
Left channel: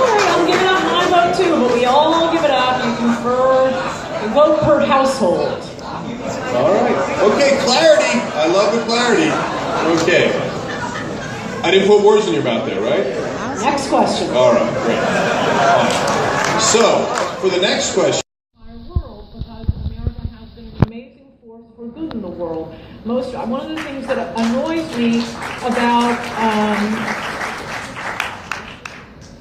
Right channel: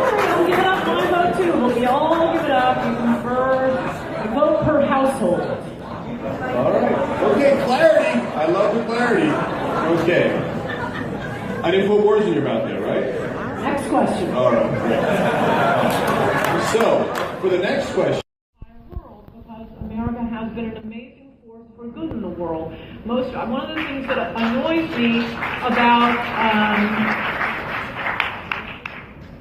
worry, I'll give it up my vote too, but we all give it up. You vote per household. All right. Okay, clarity. I love the clarity. Okay. I didn't put words in your mouth there, right? Next question. All right, great. So, for the next question. America has been an amazing force for good in the world. One of the things that annoys me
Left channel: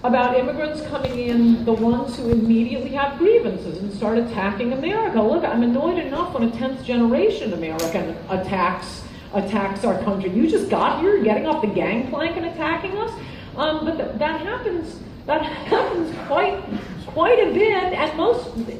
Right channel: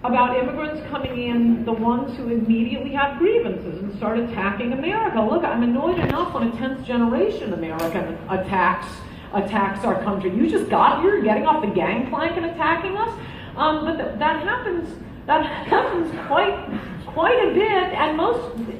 about immigrants coming in, the ones who immediately have grievances and start attacking America. Look, I'm annoyed enough when a 10th generation American attacks our country. You just got here, getting off the gangplank and attacking us. But that happens quite a bit, and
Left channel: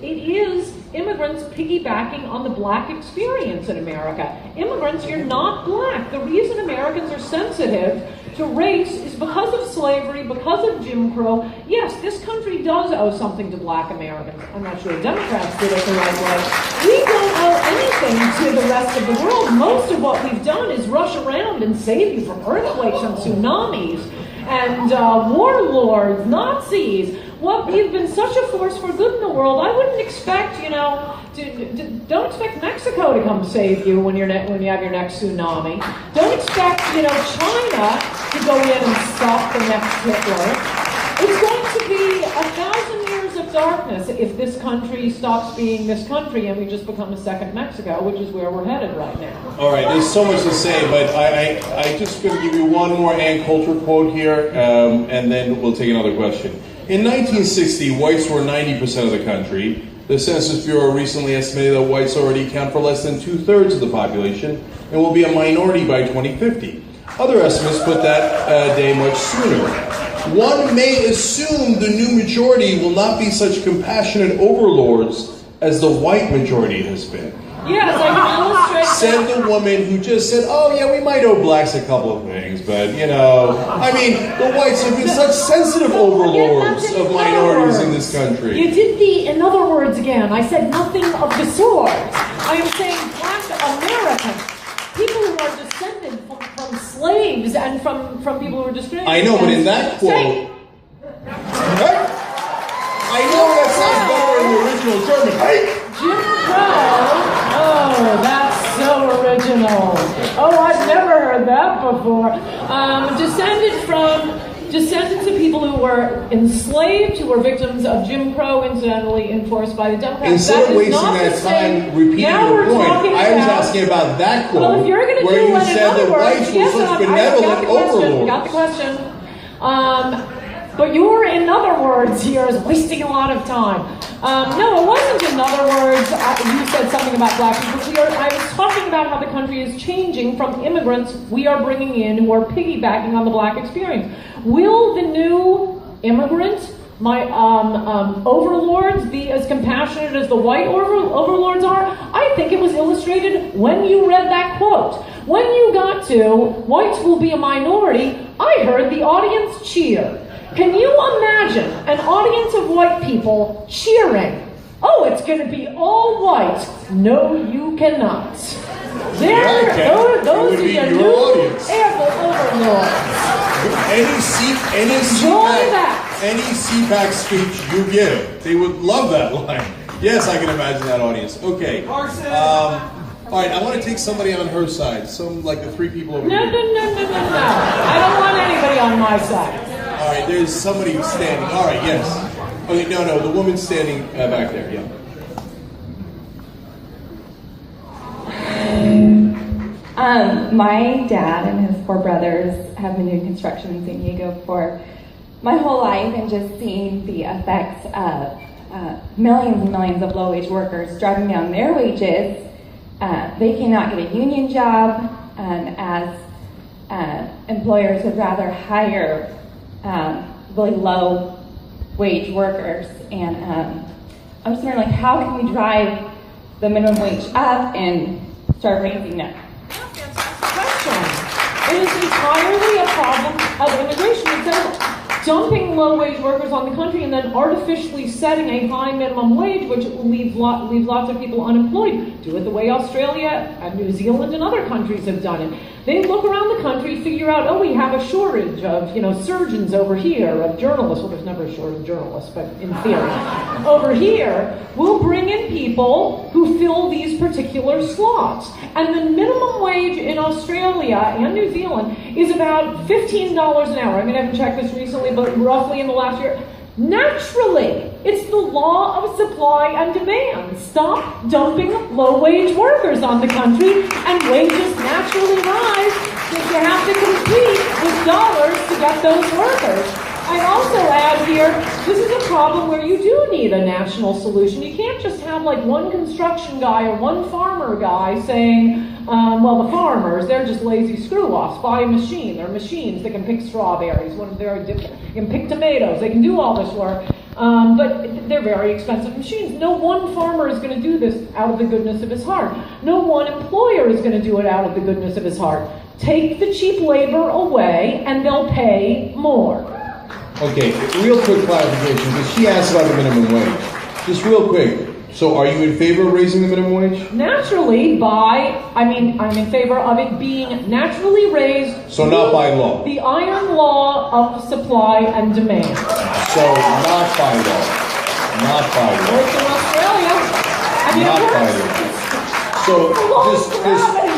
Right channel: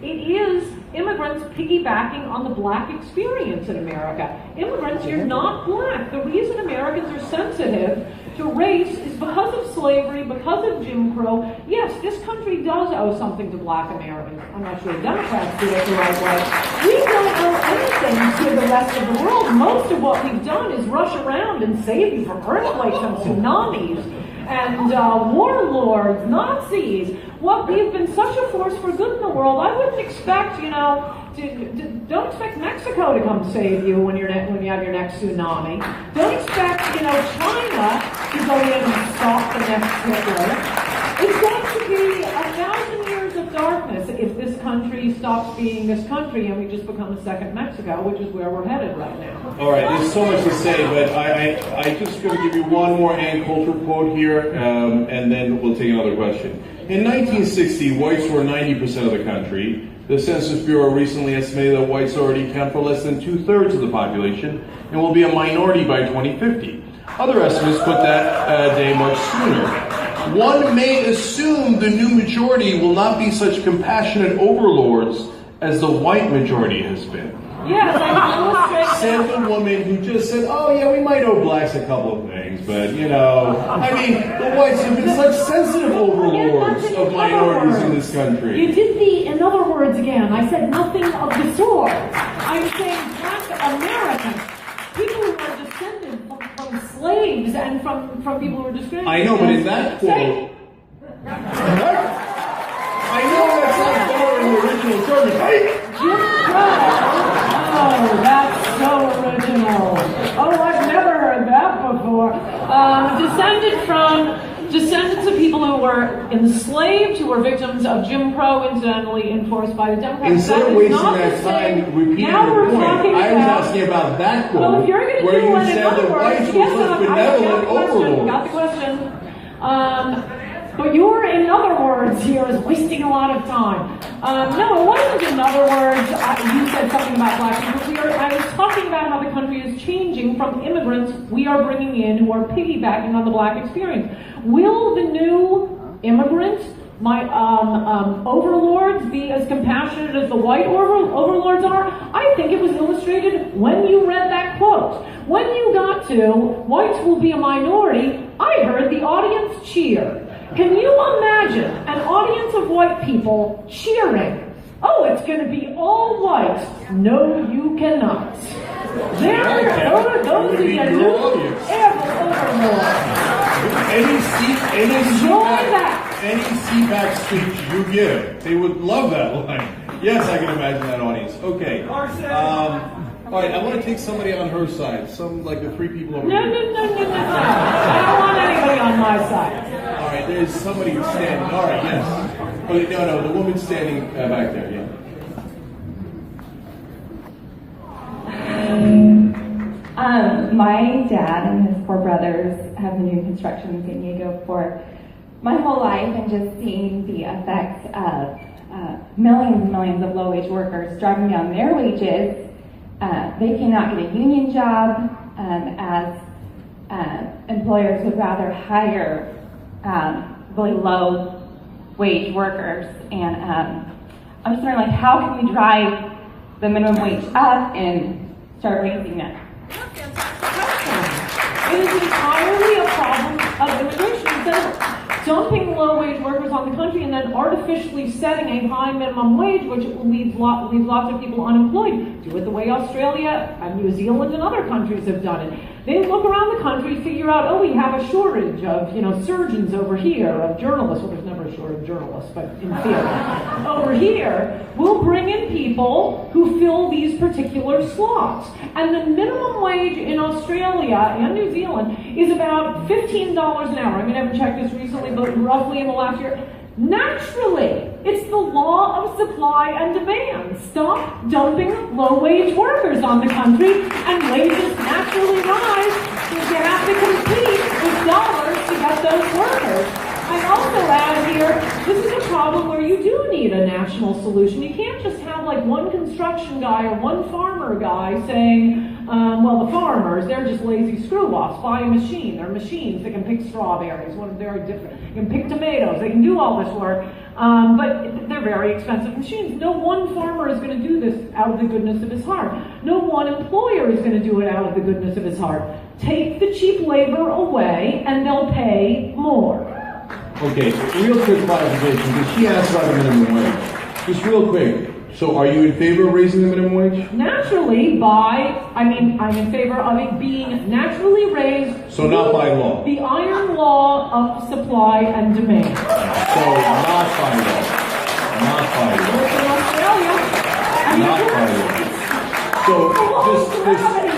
it is immigrants piggybacking on the black experience in America. Immigrants, you're not black. The reason Americans are sensitive to race is because of slavery, because of Jim Crow. Yes, this country does owe something to black Americans. I'm not sure Democrats did it the right way. We don't owe anything to the rest of the world. Most of what we've done is rush around and save you from earthquakes and tsunamis and warlords, Nazis. Well, we've been such a force for good in the world. I wouldn't expect, don't expect Mexico to come save you when you have your next tsunami. Don't expect, China to go in and stop the next Hitler. It's going to be 1,000 years of darkness if this country stops being this country and we just become a second Mexico, which is where we're headed right now. All right, there's so much to say, but I just going to give you one more Ann Coulter quote here, and then we'll take another question. In 1960, whites were 90% of the country. The Census Bureau recently estimated that whites already account for less than 2/3 of the population and will be a minority by 2050. Other estimates put that day much sooner. One may assume the new majority will not be such compassionate overlords as the white majority has been. Yes, I illustrate. Said the woman who just said, "Oh yeah, we might owe blacks a couple of things, but the whites have been such sensitive overlords of minorities in this country." You did the "in other words" again. I said nothing of the sort. I am saying black Americans, people who are descended from slaves and from people who were discriminated. I know, but in that quote, I know that sounds better in the original German, right? Jim Crow. Oh, that's so original. Oh, I've never heard that before. Descendants of people who were enslaved, who were victims of Jim Crow, incidentally enforced by the Democrats. Instead of wasting that time repeating your point, I was asking about that quote, where you said that whites were such benevolent overlords. Got the question. But your "in other words" here is wasting a lot of time. No, it wasn't "in other words." You said something about black people. I was talking about how the country is changing from immigrants we are bringing in who are piggybacking on the black experience. Will the new immigrant my overlords be as compassionate as the white overlords are? I think it was illustrated when you read that quote. When you got to, whites will be a minority, I heard the audience cheer. Can you imagine an audience of white people cheering? Oh, it's going to be all white. No, you cannot. Those are your new overlords. Any CPAC speech, you get it. They would love that line. Yes, I can imagine that audience. Okay. All right, I want to take somebody on her side. Some, like the three people over here. No. I don't want anybody on my side. All right, there's somebody standing. All right, yes. Okay, no, the woman standing back there, yeah. My dad and his 4 brothers have been doing construction in San Diego for my whole life, and just seeing the effects of millions and millions of low-wage workers driving down their wages. They cannot get a union job, as employers would rather hire really low-wage workers. And I'm just wondering, like, how can we drive the minimum wage up and start raising it? It is entirely a problem of immigration. Instead of dumping low-wage workers on the country and then artificially setting a high minimum wage, which will leave lots of people unemployed, do it the way Australia and New Zealand and other countries have done it. They look around the country, figure out, oh, we have a shortage of, surgeons over here, of journalists. Well, there's never a shortage of journalists, but in theory. Over here, we'll bring in people who fill these particular slots. And the minimum wage in Australia and New Zealand is about $15 an hour. I mean, I haven't checked this recently, but roughly in the last year. Naturally, it's the law of supply and demand. Stop dumping low-wage workers on the country, and wages naturally rise because you have to compete with dollars to get those workers. I'd also add here, this is a problem where you do need a national solution. You can't just have like one construction guy or one farmer guy saying, well, the farmers, they're just lazy screw-offs. Buy a machine. They're machines that can pick strawberries. They can pick tomatoes. They can do all this work. But they're very expensive machines. No one farmer is going to do this out of the goodness of his heart. No one employer is going to do it out of the goodness of his heart. Take the cheap labor away, and they'll pay more. Okay, real quick clarification, because she asked about the minimum wage. Just real quick. So are you in favor of raising the minimum wage? Naturally, I'm in favor of it being naturally raised. So not by law? The iron law of supply and demand. So not by law? Not by law? Well, in Australia. Not by law. So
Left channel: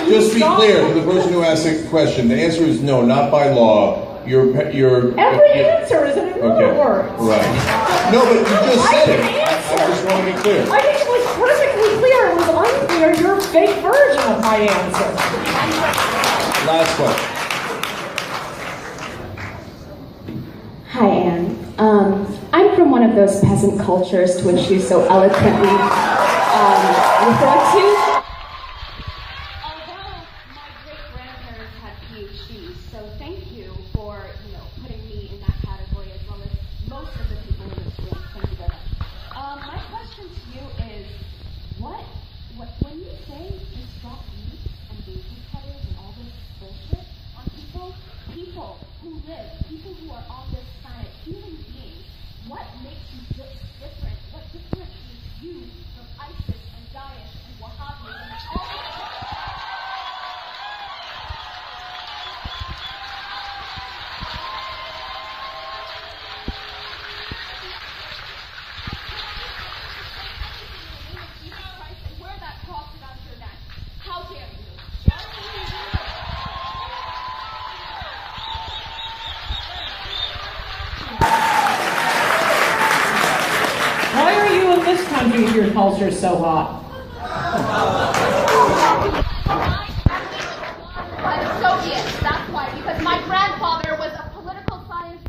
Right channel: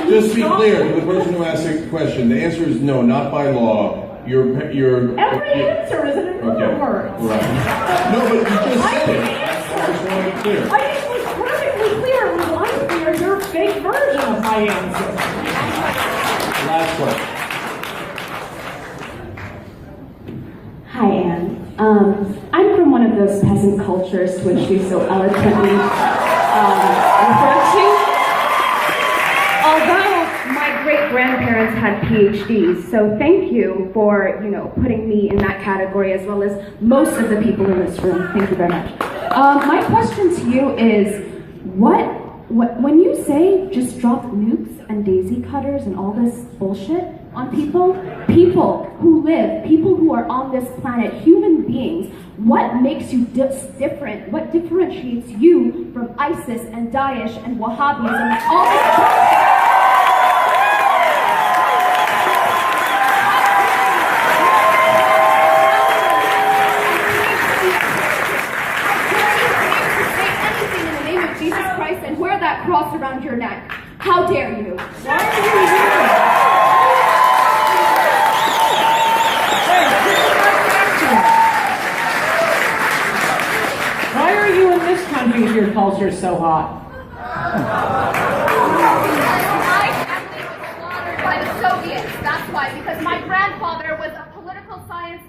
just be clear, the person who asked the question, the answer is no, not by law. Every answer is in another word. Right. No, but you just said it. I just want to be clear. I think it was perfectly clear. It was unclear. Your fake version of my answer. Last question. Hi, Ann. I'm from one of those peasant cultures to which you so eloquently referred to. Although my great-grandparents had PhDs, so thank you for, putting me in that category as well as most of the people in this room. Thank you very much. My question to you is, when you say just drop nukes and daisy cutters and all this bullshit on people who live, people who are on this planet, human beings, what makes you different? What differentiates you from ISIS and Daesh and Wahhabism and all this bullshit? Cross around your neck. How dare you? Why are you in this country if your culture's so hot? By the Soviets. That's why. Because my grandfather was a political science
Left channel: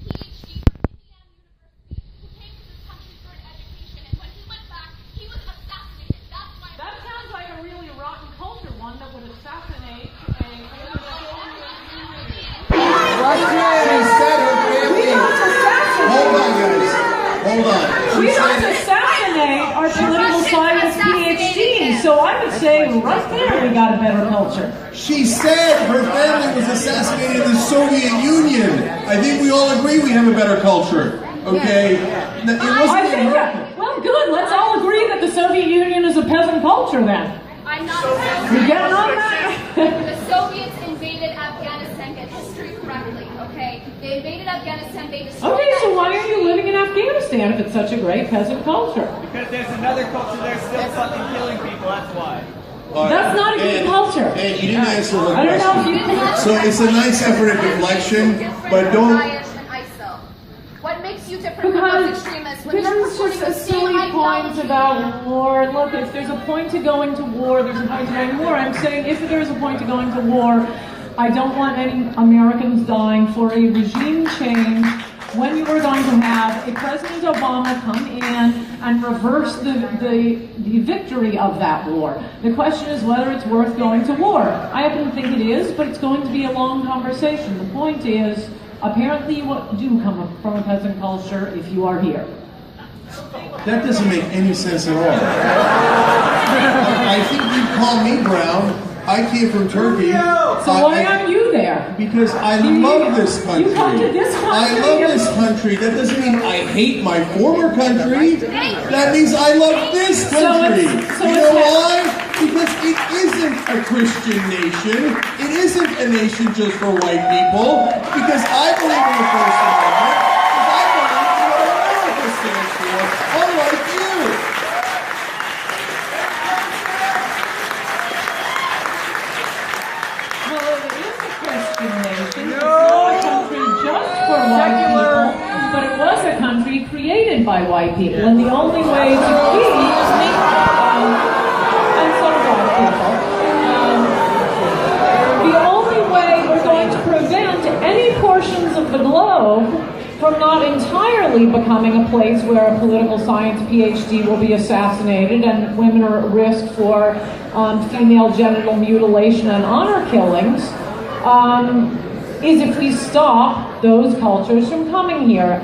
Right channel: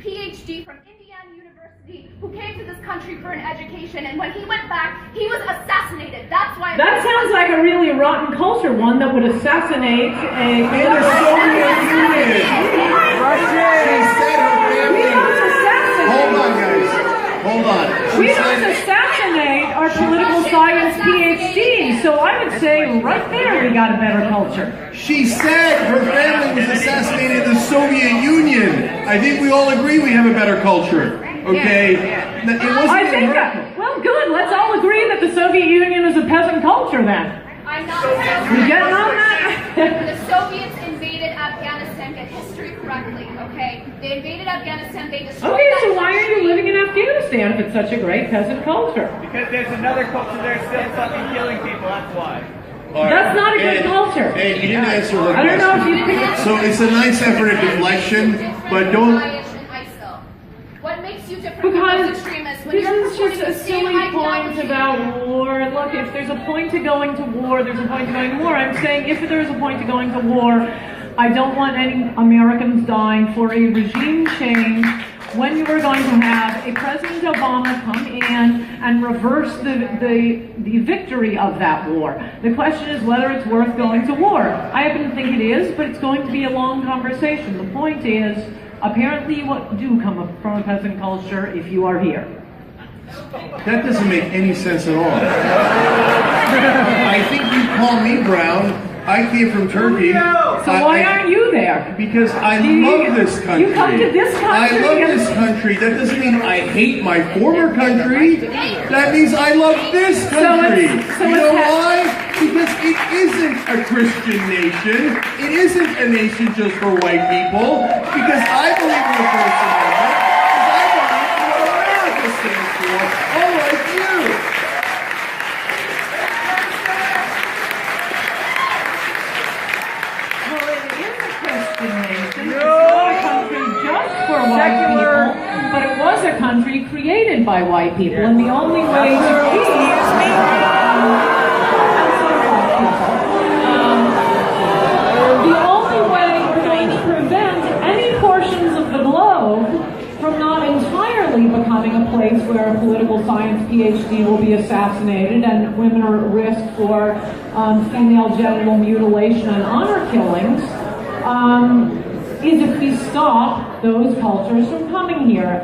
PhD from Indiana University who came to this country for an education, and when he went back, he was assassinated. That's why. That sounds like a really rotten culture, one that would assassinate a Soviet Union. Russia! Hold on, guys. hold on. We must assassinate our political science PhD. So I would say right there we got a better culture. She said her family was assassinated in the Soviet Union. I think we all agree we have a better culture. Okay? It wasn't I think well, good. Let's all agree that the Soviet Union is a peasant culture then. I'm not We get on that? The Soviets invaded Afghanistan, get history correctly, okay? They invaded Afghanistan, they destroyed Okay, that so why are country. you living in Afghanistan if it's such a great peasant culture? Because there's another culture there still fucking killing people, that's why. That's not a good culture. And you didn't answer her I don't know if question. you So it's a nice effort at deflection, but don't... What makes you different from Because those extremists when this you're is pursuing just a the same silly point ideology? about war. Look, if there's a point to going to war, there's a point to going to war. I'm saying if there is a point to going to war, I don't want any Americans dying for a regime change when you are going to have a President Obama come in and reverse the victory of that war. The question is whether it's worth going to war. I happen to think it is, but it's going to be a long conversation. The point is, apparently you do come from a peasant culture if you are here. That doesn't make any sense at all. I think you call me brown. I came from Turkey. So why aren't you there? Because I love this country. You come to this country. I love this country. That doesn't mean I hate my former country. That means I love this country. You know why? Because it isn't a Christian nation. It isn't a nation just for white people. Because I believe in the First Amendment. Because I believe in what America stands for. Unlike you. Well, it is a Christian nation. It's not a country just for white people, but it was a country created by white people. And the only way to keep the only way we're going to prevent any portions of the globe from not entirely becoming a place where a political science PhD will be assassinated and women are at risk for female genital mutilation and honor killings, is if we stop those cultures from coming here.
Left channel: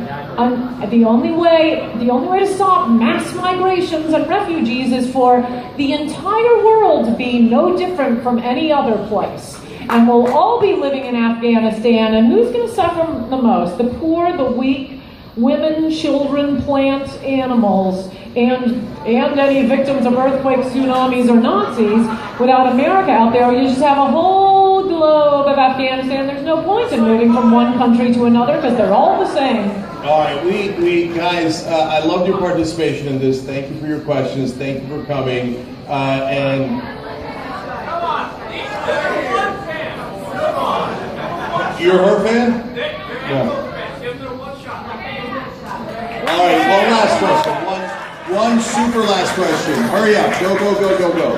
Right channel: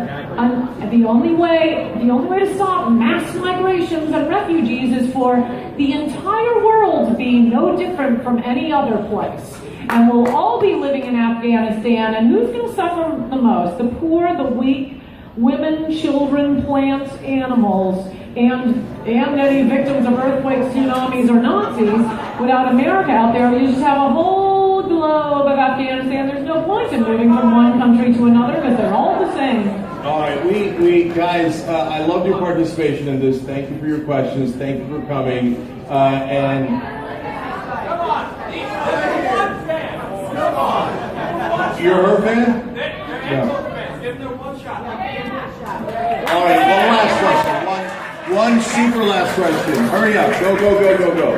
The only way to stop mass migrations and refugees is for the entire world to be no different from any other place. And we'll all be living in Afghanistan, and who's going to suffer the most? The poor, the weak, women, children, plants, animals, and any victims of earthquakes, tsunamis, or Nazis. Without America out there, you just have a whole globe of Afghanistan. There's no point in moving from one country to another because they're all the same. All right, we guys, I loved your participation in this. Thank you for your questions. Thank you for coming. You're her fan? Yeah. All right, one last question. One super last question. Hurry up. Go, go, go, go, go.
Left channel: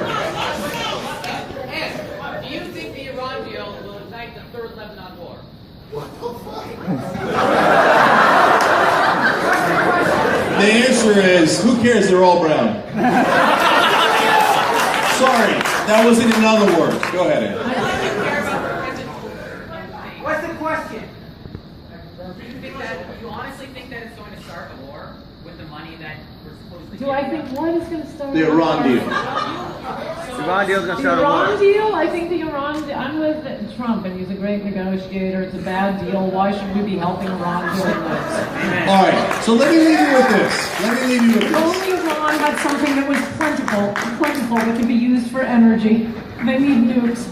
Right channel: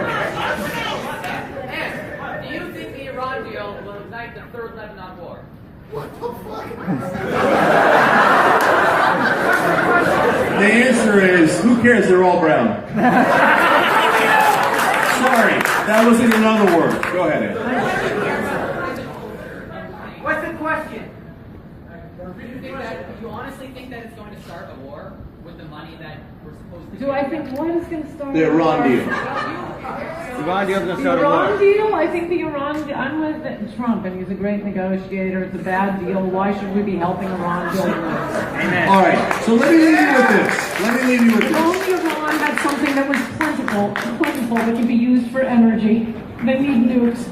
Ed, do you think the Iran deal will ignite the third Lebanon war? The answer is, who cares? They're all brown. Sorry, that wasn't in other words. Go ahead, Ed. What's the question? Do you honestly think that it's going to start a war with the money that we're supposed to Do I think what is going to start? The Iran deal. The Iran deal's gonna The start a Iran war. deal? I think the Iran. I'm with Trump, and he's a great negotiator. It's a bad deal. Why should we be helping Iran doing this? All right, so let me leave you with this. Let me leave you with If this. only Iran had something that was plentiful that could be used for energy. They need nukes.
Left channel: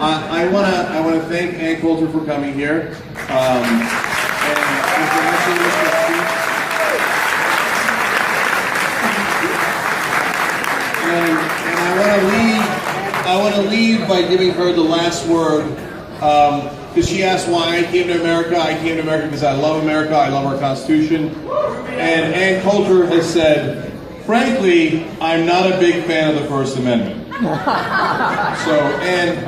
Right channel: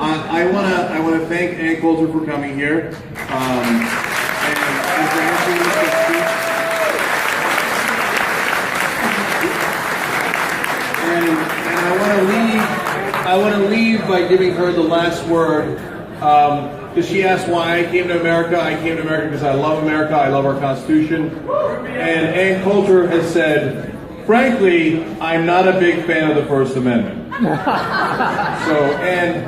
I wanna thank Ann Coulter for coming here. And for answering this question. And I want to leave by giving her the last word, because she asked why I came to America. I came to America because I love America. I love our Constitution. And Ann Coulter has said, frankly, I'm not a big fan of the First Amendment. So, and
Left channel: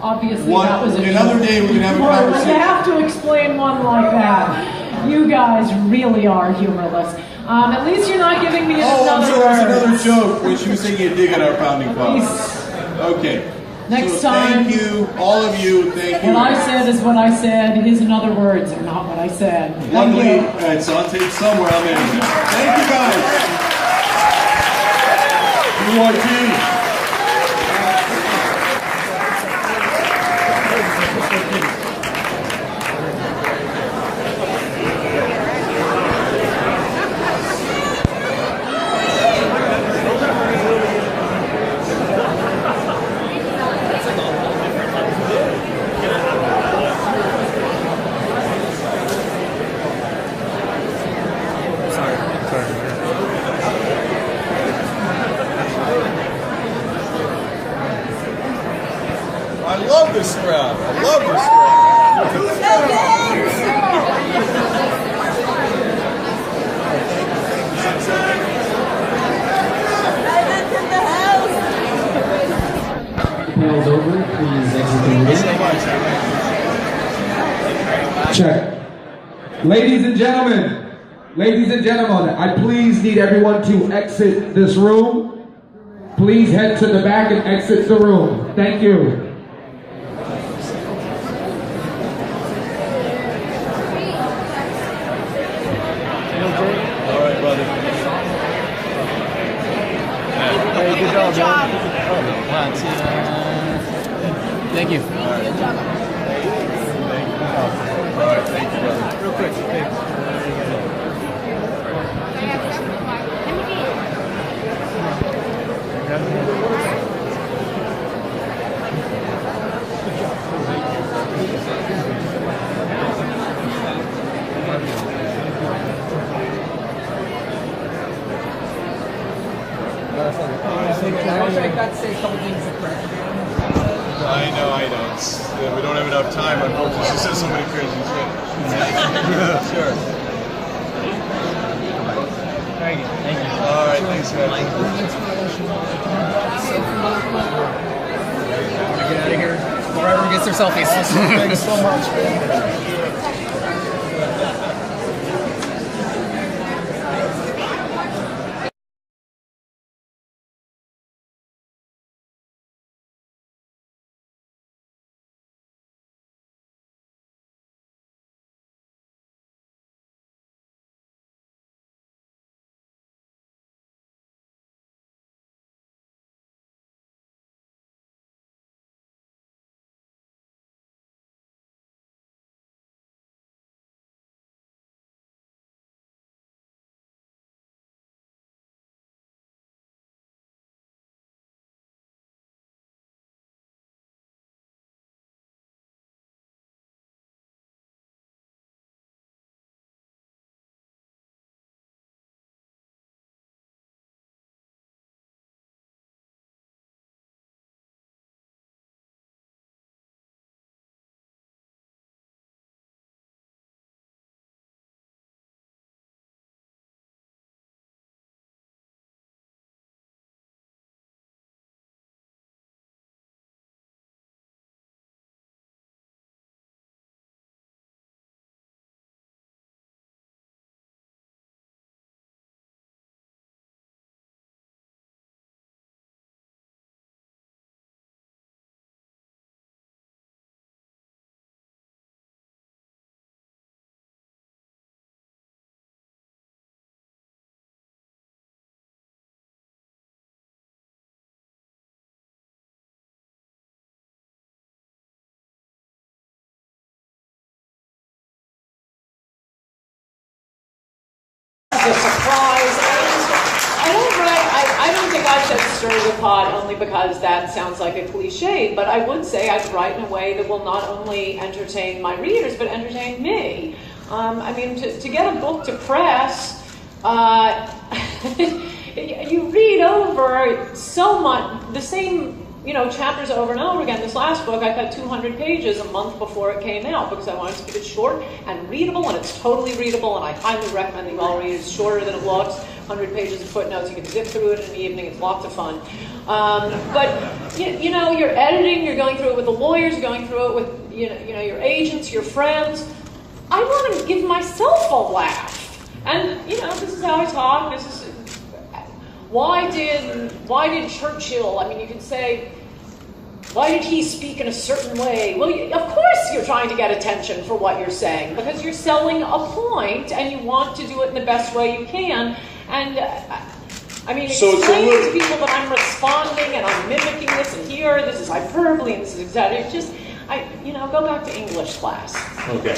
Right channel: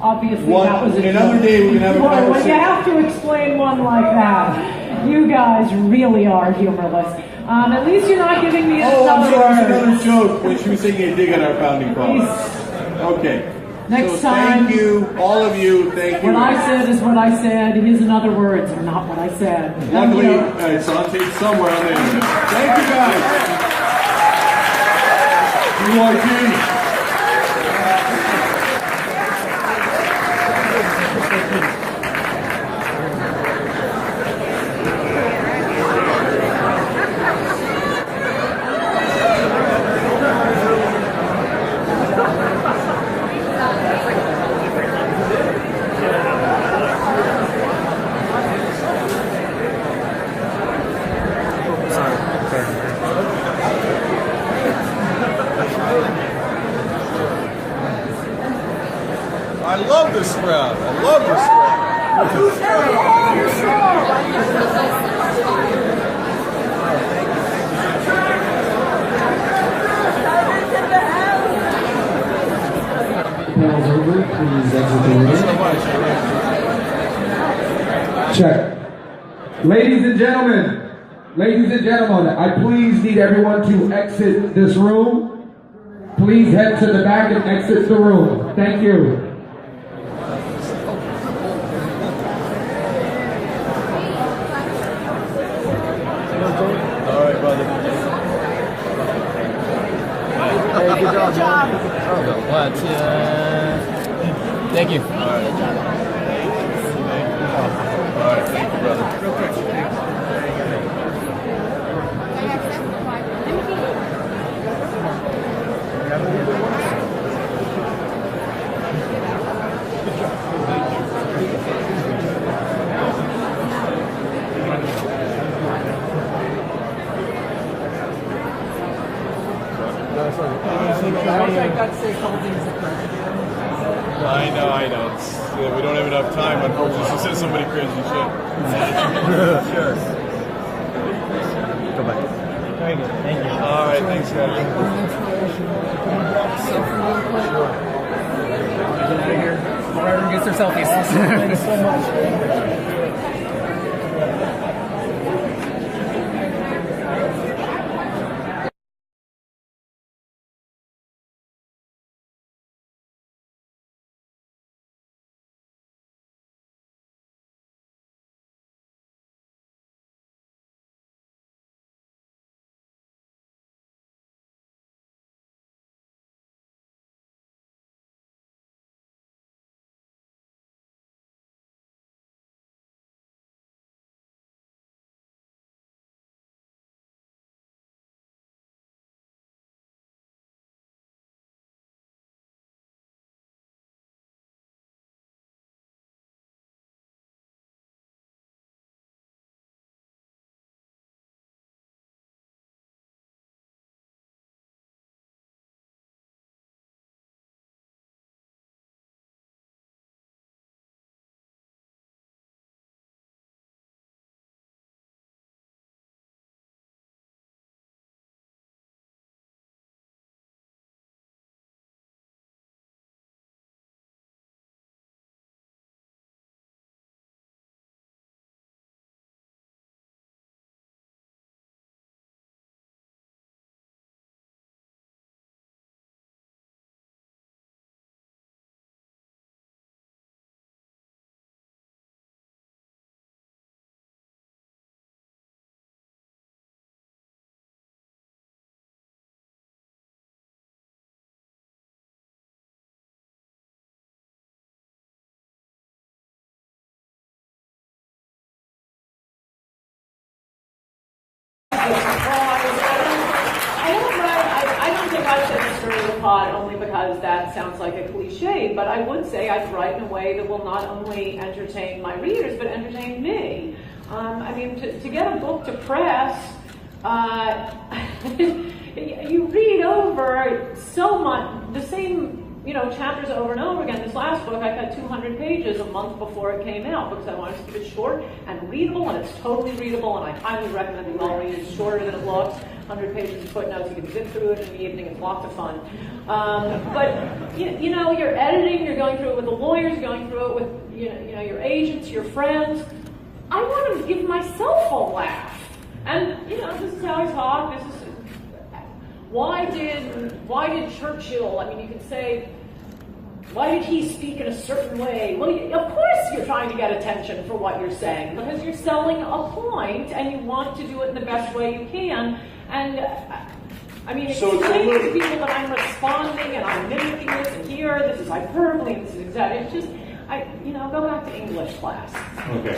Obviously, that was another day we can have a conversation. You have to explain one like that. You guys really are humorless. At least you're not giving me Oh, I'm another sorry, word. it was another joke when she was taking a dig at our founding fathers. Okay. Next So time. thank you, all of you. Thank you. What I said is what I said. His and other words are not what I said. Luckily, it's on tape somewhere on there. Thank you guys. URT. I love this crowd. I love this Panel's over. Please exit the room. Thank you so much. Check. Ladies and gentlemen, I please need everyone to exit this room. Please head to the back and exit the room. Thank you. All right, brother. Hey, good job. Thank you. All right. All right, thank you, brother. Real quick, I know. We don't have enough time, unfortunately. She said so many crazy shit. Sure. Thank you. All right, thanks, guys. Get out of here before everyone gets their selfies. Thanks so much. I don't think I said stir the pot only because that sounds like a cliche, but I would say I'd write in a way that will not only entertain my readers, but entertain me. I mean, to get a book to press, you read over so much, the same chapters over and over again. This last book, I got 200 pages a month before it came out because I wanted to keep it short and readable, and it's totally readable, and I highly recommend that you all read it. It's shorter than it looks, 100 pages of footnotes. You can zip through it in the evening. It's lots of fun. But you're editing, you're going through it with the lawyers, you're going through it with your agents, your friends. I want to give myself a laugh, and this is how I talk. This is why did Churchill? I mean, you could say why did he speak in a certain way? Well, of course you're trying to get attention for what you're saying, because you're selling a point and you want to do it in the best way you can. And I mean, explaining to people that I'm responding and I'm mimicking this, and here, this is hyperbole, and this is exactly, it's just, go back to English class. Okay.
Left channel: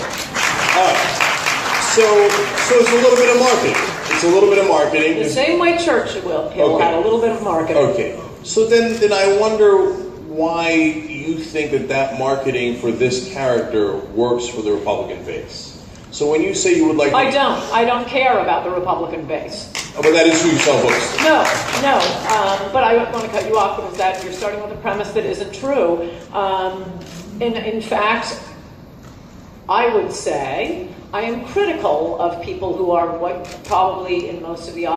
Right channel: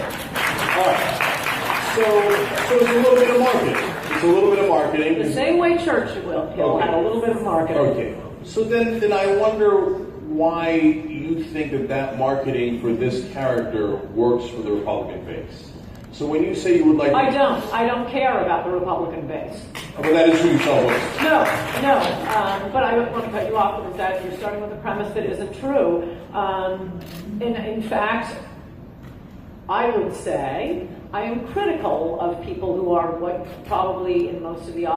So it's a little bit of marketing. It's a little bit of marketing. The same way Churchill will have a little bit of marketing. Okay. So then I wonder why you think that marketing for this character works for the Republican base. So when you say you would like to... I don't care about the Republican base. But that is who you sell books. No. But I want to cut you off because that you're starting with a premise that isn't true. In fact, I would say I am critical of people who are what probably in most of the audience.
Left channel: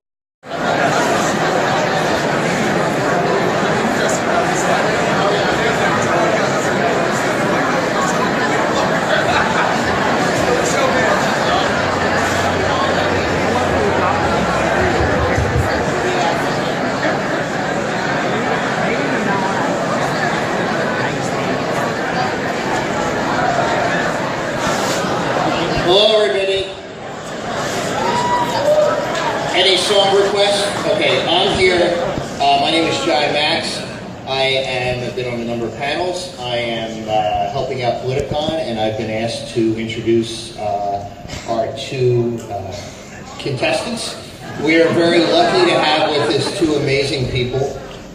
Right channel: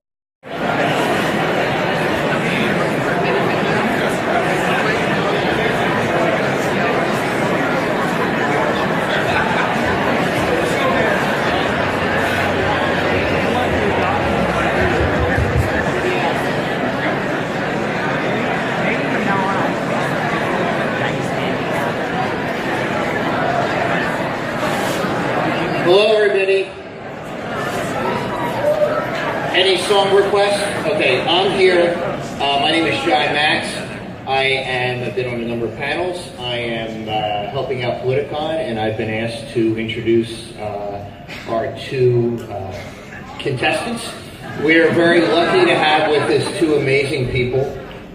Hello, everybody. Any song requests? Okay, I'm here. My name is Shy Max. I've been on a number of panels. I am helping out Politicon, and I've been asked to introduce our two contestants. We are very lucky to have with us two amazing people.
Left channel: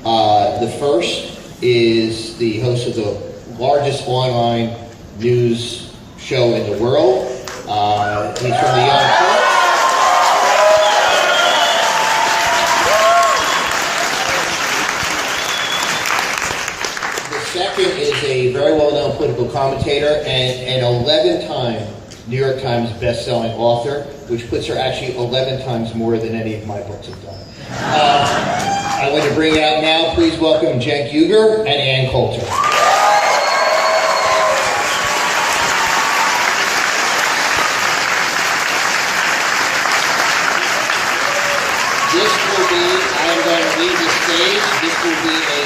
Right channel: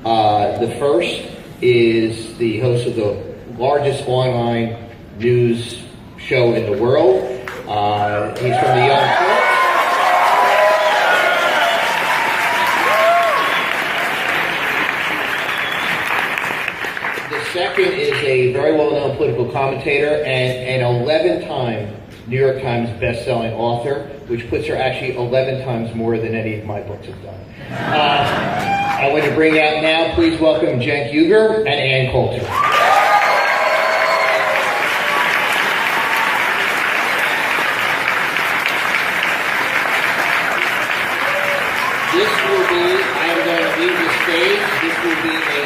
The first is the host of the largest online news show in the world. He's from the Young Turks. The second is a very well-known political commentator and an 11-time New York Times best-selling author, which puts her actually 11 times more than any of my books have done. I want to bring out now, please welcome Cenk Uygur and Ann Coulter. This will be a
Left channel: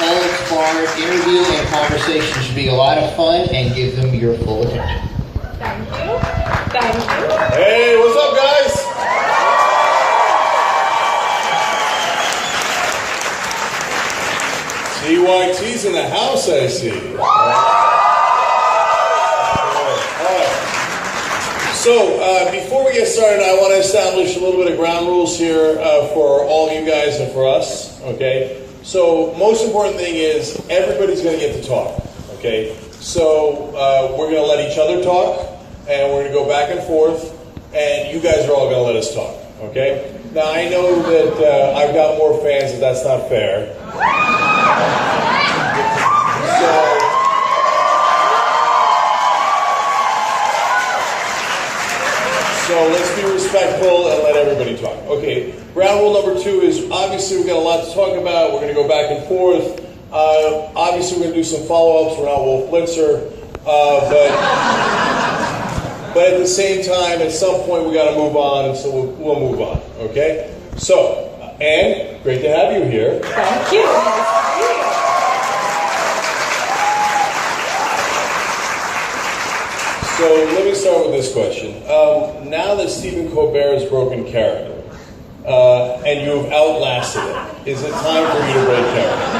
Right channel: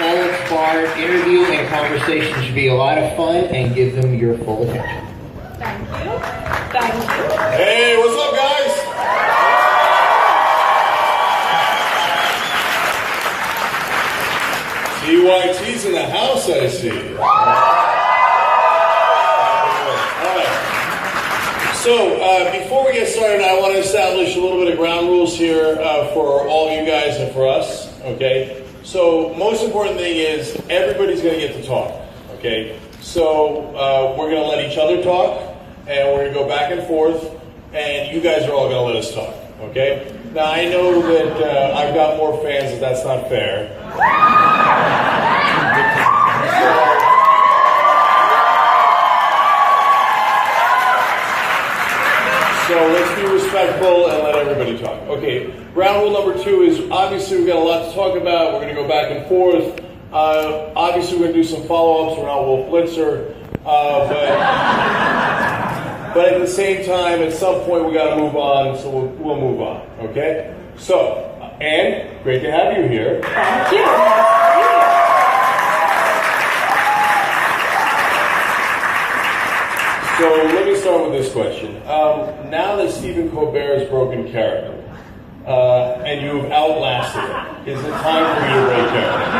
no-holds-barred interview, and conversation should be a lot of fun, and give them your full attention. Thank you. Thank you. Hey, what's up, guys? CYT's in the house, I see. All right. So, before we get started, I want to establish a little bit of ground rules here for all you guys and for us, okay? So, most important thing is everybody's going to get to talk, okay? So, we're going to let each other talk, and we're going to go back and forth, and you guys are all going to let us talk, okay? Now, I know that I've got more fans, and that's not fair. So let's be respectful and let everybody talk. Okay, ground rule number 2 is obviously we've got a lot to talk about. We're going to go back and forth. Obviously we're going to do some follow-ups around Wolf Blitzer. But at the same time, at some point we got to move on, and so we'll move on. Okay? So, Ann, great to have you here. Thank you. So let me start with this question. Now that Stephen Colbert has broken character, and you've outlasted it, is it time for you to break character?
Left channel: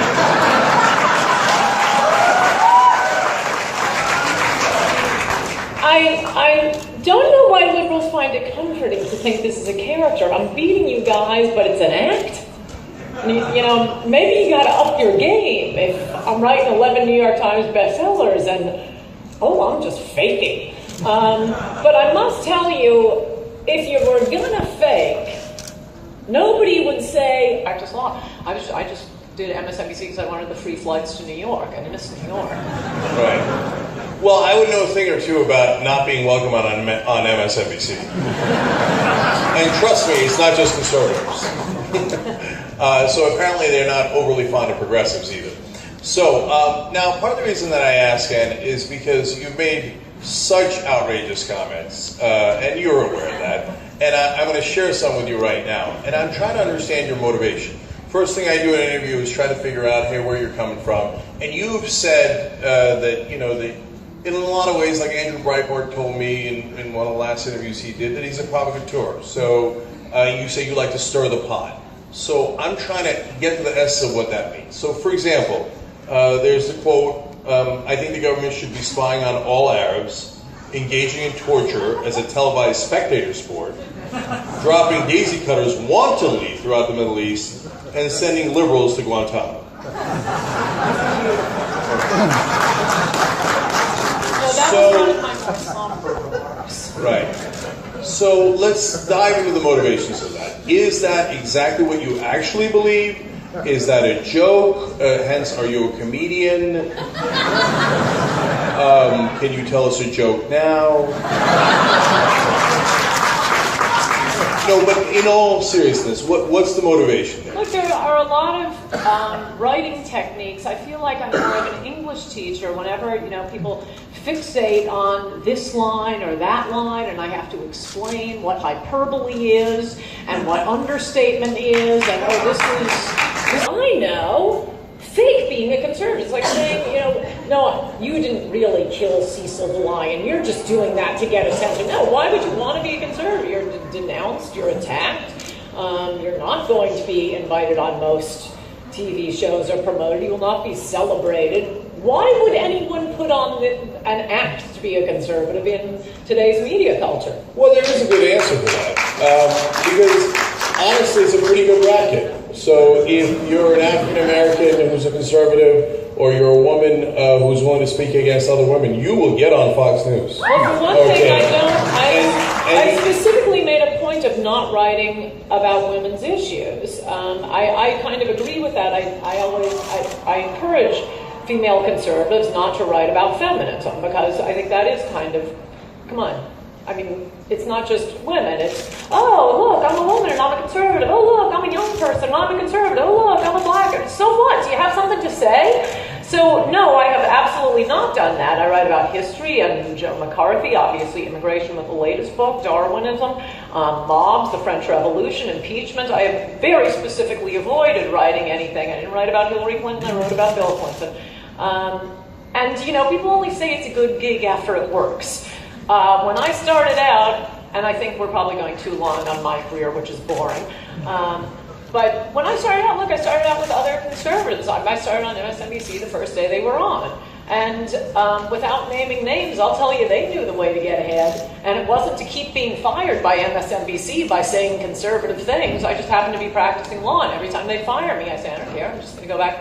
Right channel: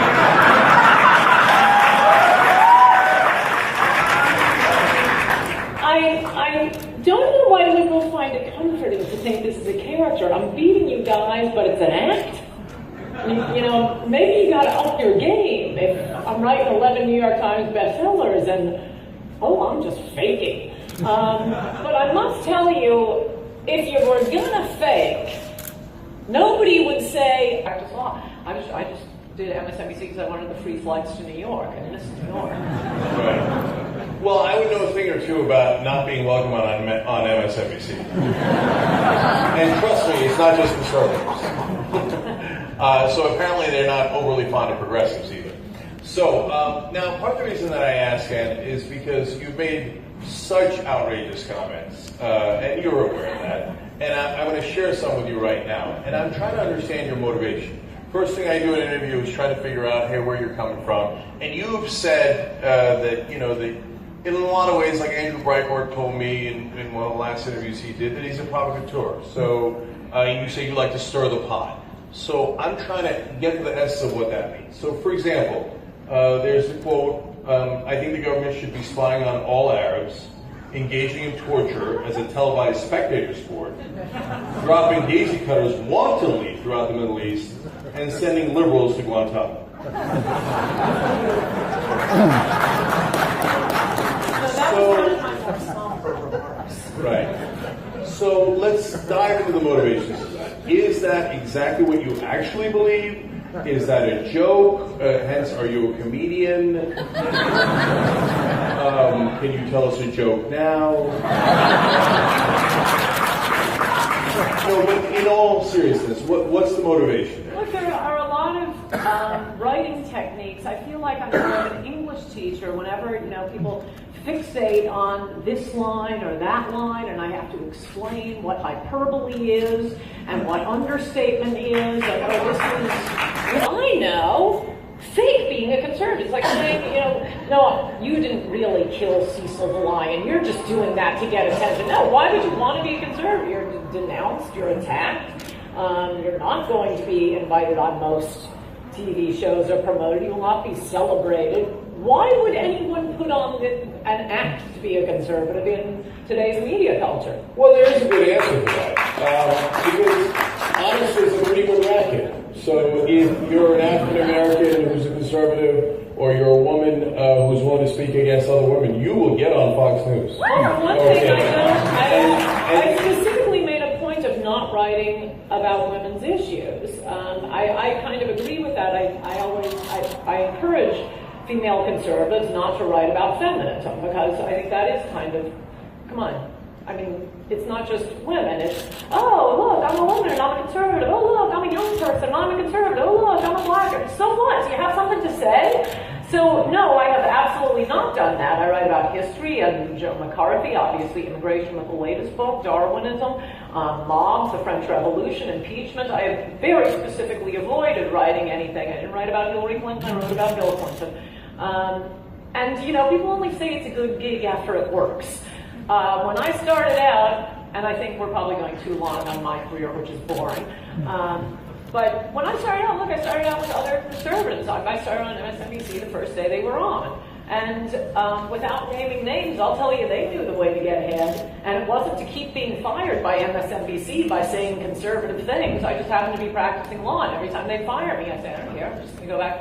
I don't know why liberals find it comforting to think this is a character. I'm beating you guys, but it's an act. You know, maybe you gotta up your game. If I'm writing 11 New York Times bestsellers and I'm just faking. But I must tell you, if you were gonna fake, nobody would say, I just did MSNBC because I wanted the free flights to New York. I missed New York. Right. Well, I would know a thing or two about not being welcome on MSNBC. And trust me, it's not just conservatives. So apparently they're not overly fond of progressives either. So, now part of the reason that I ask, Ann, is because you've made such outrageous comments, and you're aware of that, and I'm going to share some with you right now, and I'm trying to understand your motivation. first thing I do in an interview is try to figure out, hey, where you're coming from. And you've said that, you know, that in a lot of ways, like Andrew Breitbart told me in one of the last interviews he did, that he's a provocateur. So you say you like to stir the pot. So I'm trying to get to the essence of what that means. So for example, there's the quote, I think the government should be spying on all Arabs, engaging in torture as a televised spectator sport, dropping daisy cutters wantonly throughout the Middle East, and sending liberals to Guantanamo. Right. So let's dive into the motivations of that. Is that exactly what you actually believe? Is that a joke? Hence, are you a comedian? Can you tell us a joke now? No, but in all seriousness, what's the motivation there? Look, there are a lot of writing techniques. I feel like I'm more of an English teacher whenever, you know, people fixate on this line or that line, and I have to explain what hyperbole is and what understatement is, and oh, this is, I know, fake being a conservative. It's like saying, you know, no, you didn't really kill Cecil the lion. You're just doing that to get attention. No, why would you want to be a conservative? You're denounced, you're attacked. You're not going to be invited on most TV shows or promoted. You will not be celebrated. Why would anyone put on an act to be a conservative in today's media culture? Well, there is a good answer to that. Because honestly, it's a pretty good racket. So if you're an African American who's a conservative, or you're a woman who's willing to speak against other women, you will get on Fox News. Well, for one thing, I specifically made a point of not writing about women's issues. I kind of agree with that. I encourage female conservatives not to write about feminism, because I think that is kind of, come on. I mean, it's not just women. It's, oh, look, I'm a woman and I'm a conservative. Oh, look, I'm a young person and I'm a conservative. Oh, look, I'm a black. So what? Do you have something to say? So, no, I have absolutely not done that. I write about history and Joe McCarthy, obviously immigration with the latest book, Darwinism, mobs, the French Revolution, impeachment. I have very specifically avoided writing anything. I didn't write about Hillary Clinton. I wrote about Bill Clinton. And, you know, people only say it's a good gig after it works. When I started out, and I think we're probably going too long on my career, which is boring, but when I started out, look, I started out with other conservatives. I started on MSNBC the first day they were on. And without naming names, I'll tell you, they knew the way to get ahead. And it wasn't to keep being fired by MSNBC by saying conservative things. I just happened to be practicing law, and every time they fire me, I say, I don't care, I'm just going to go back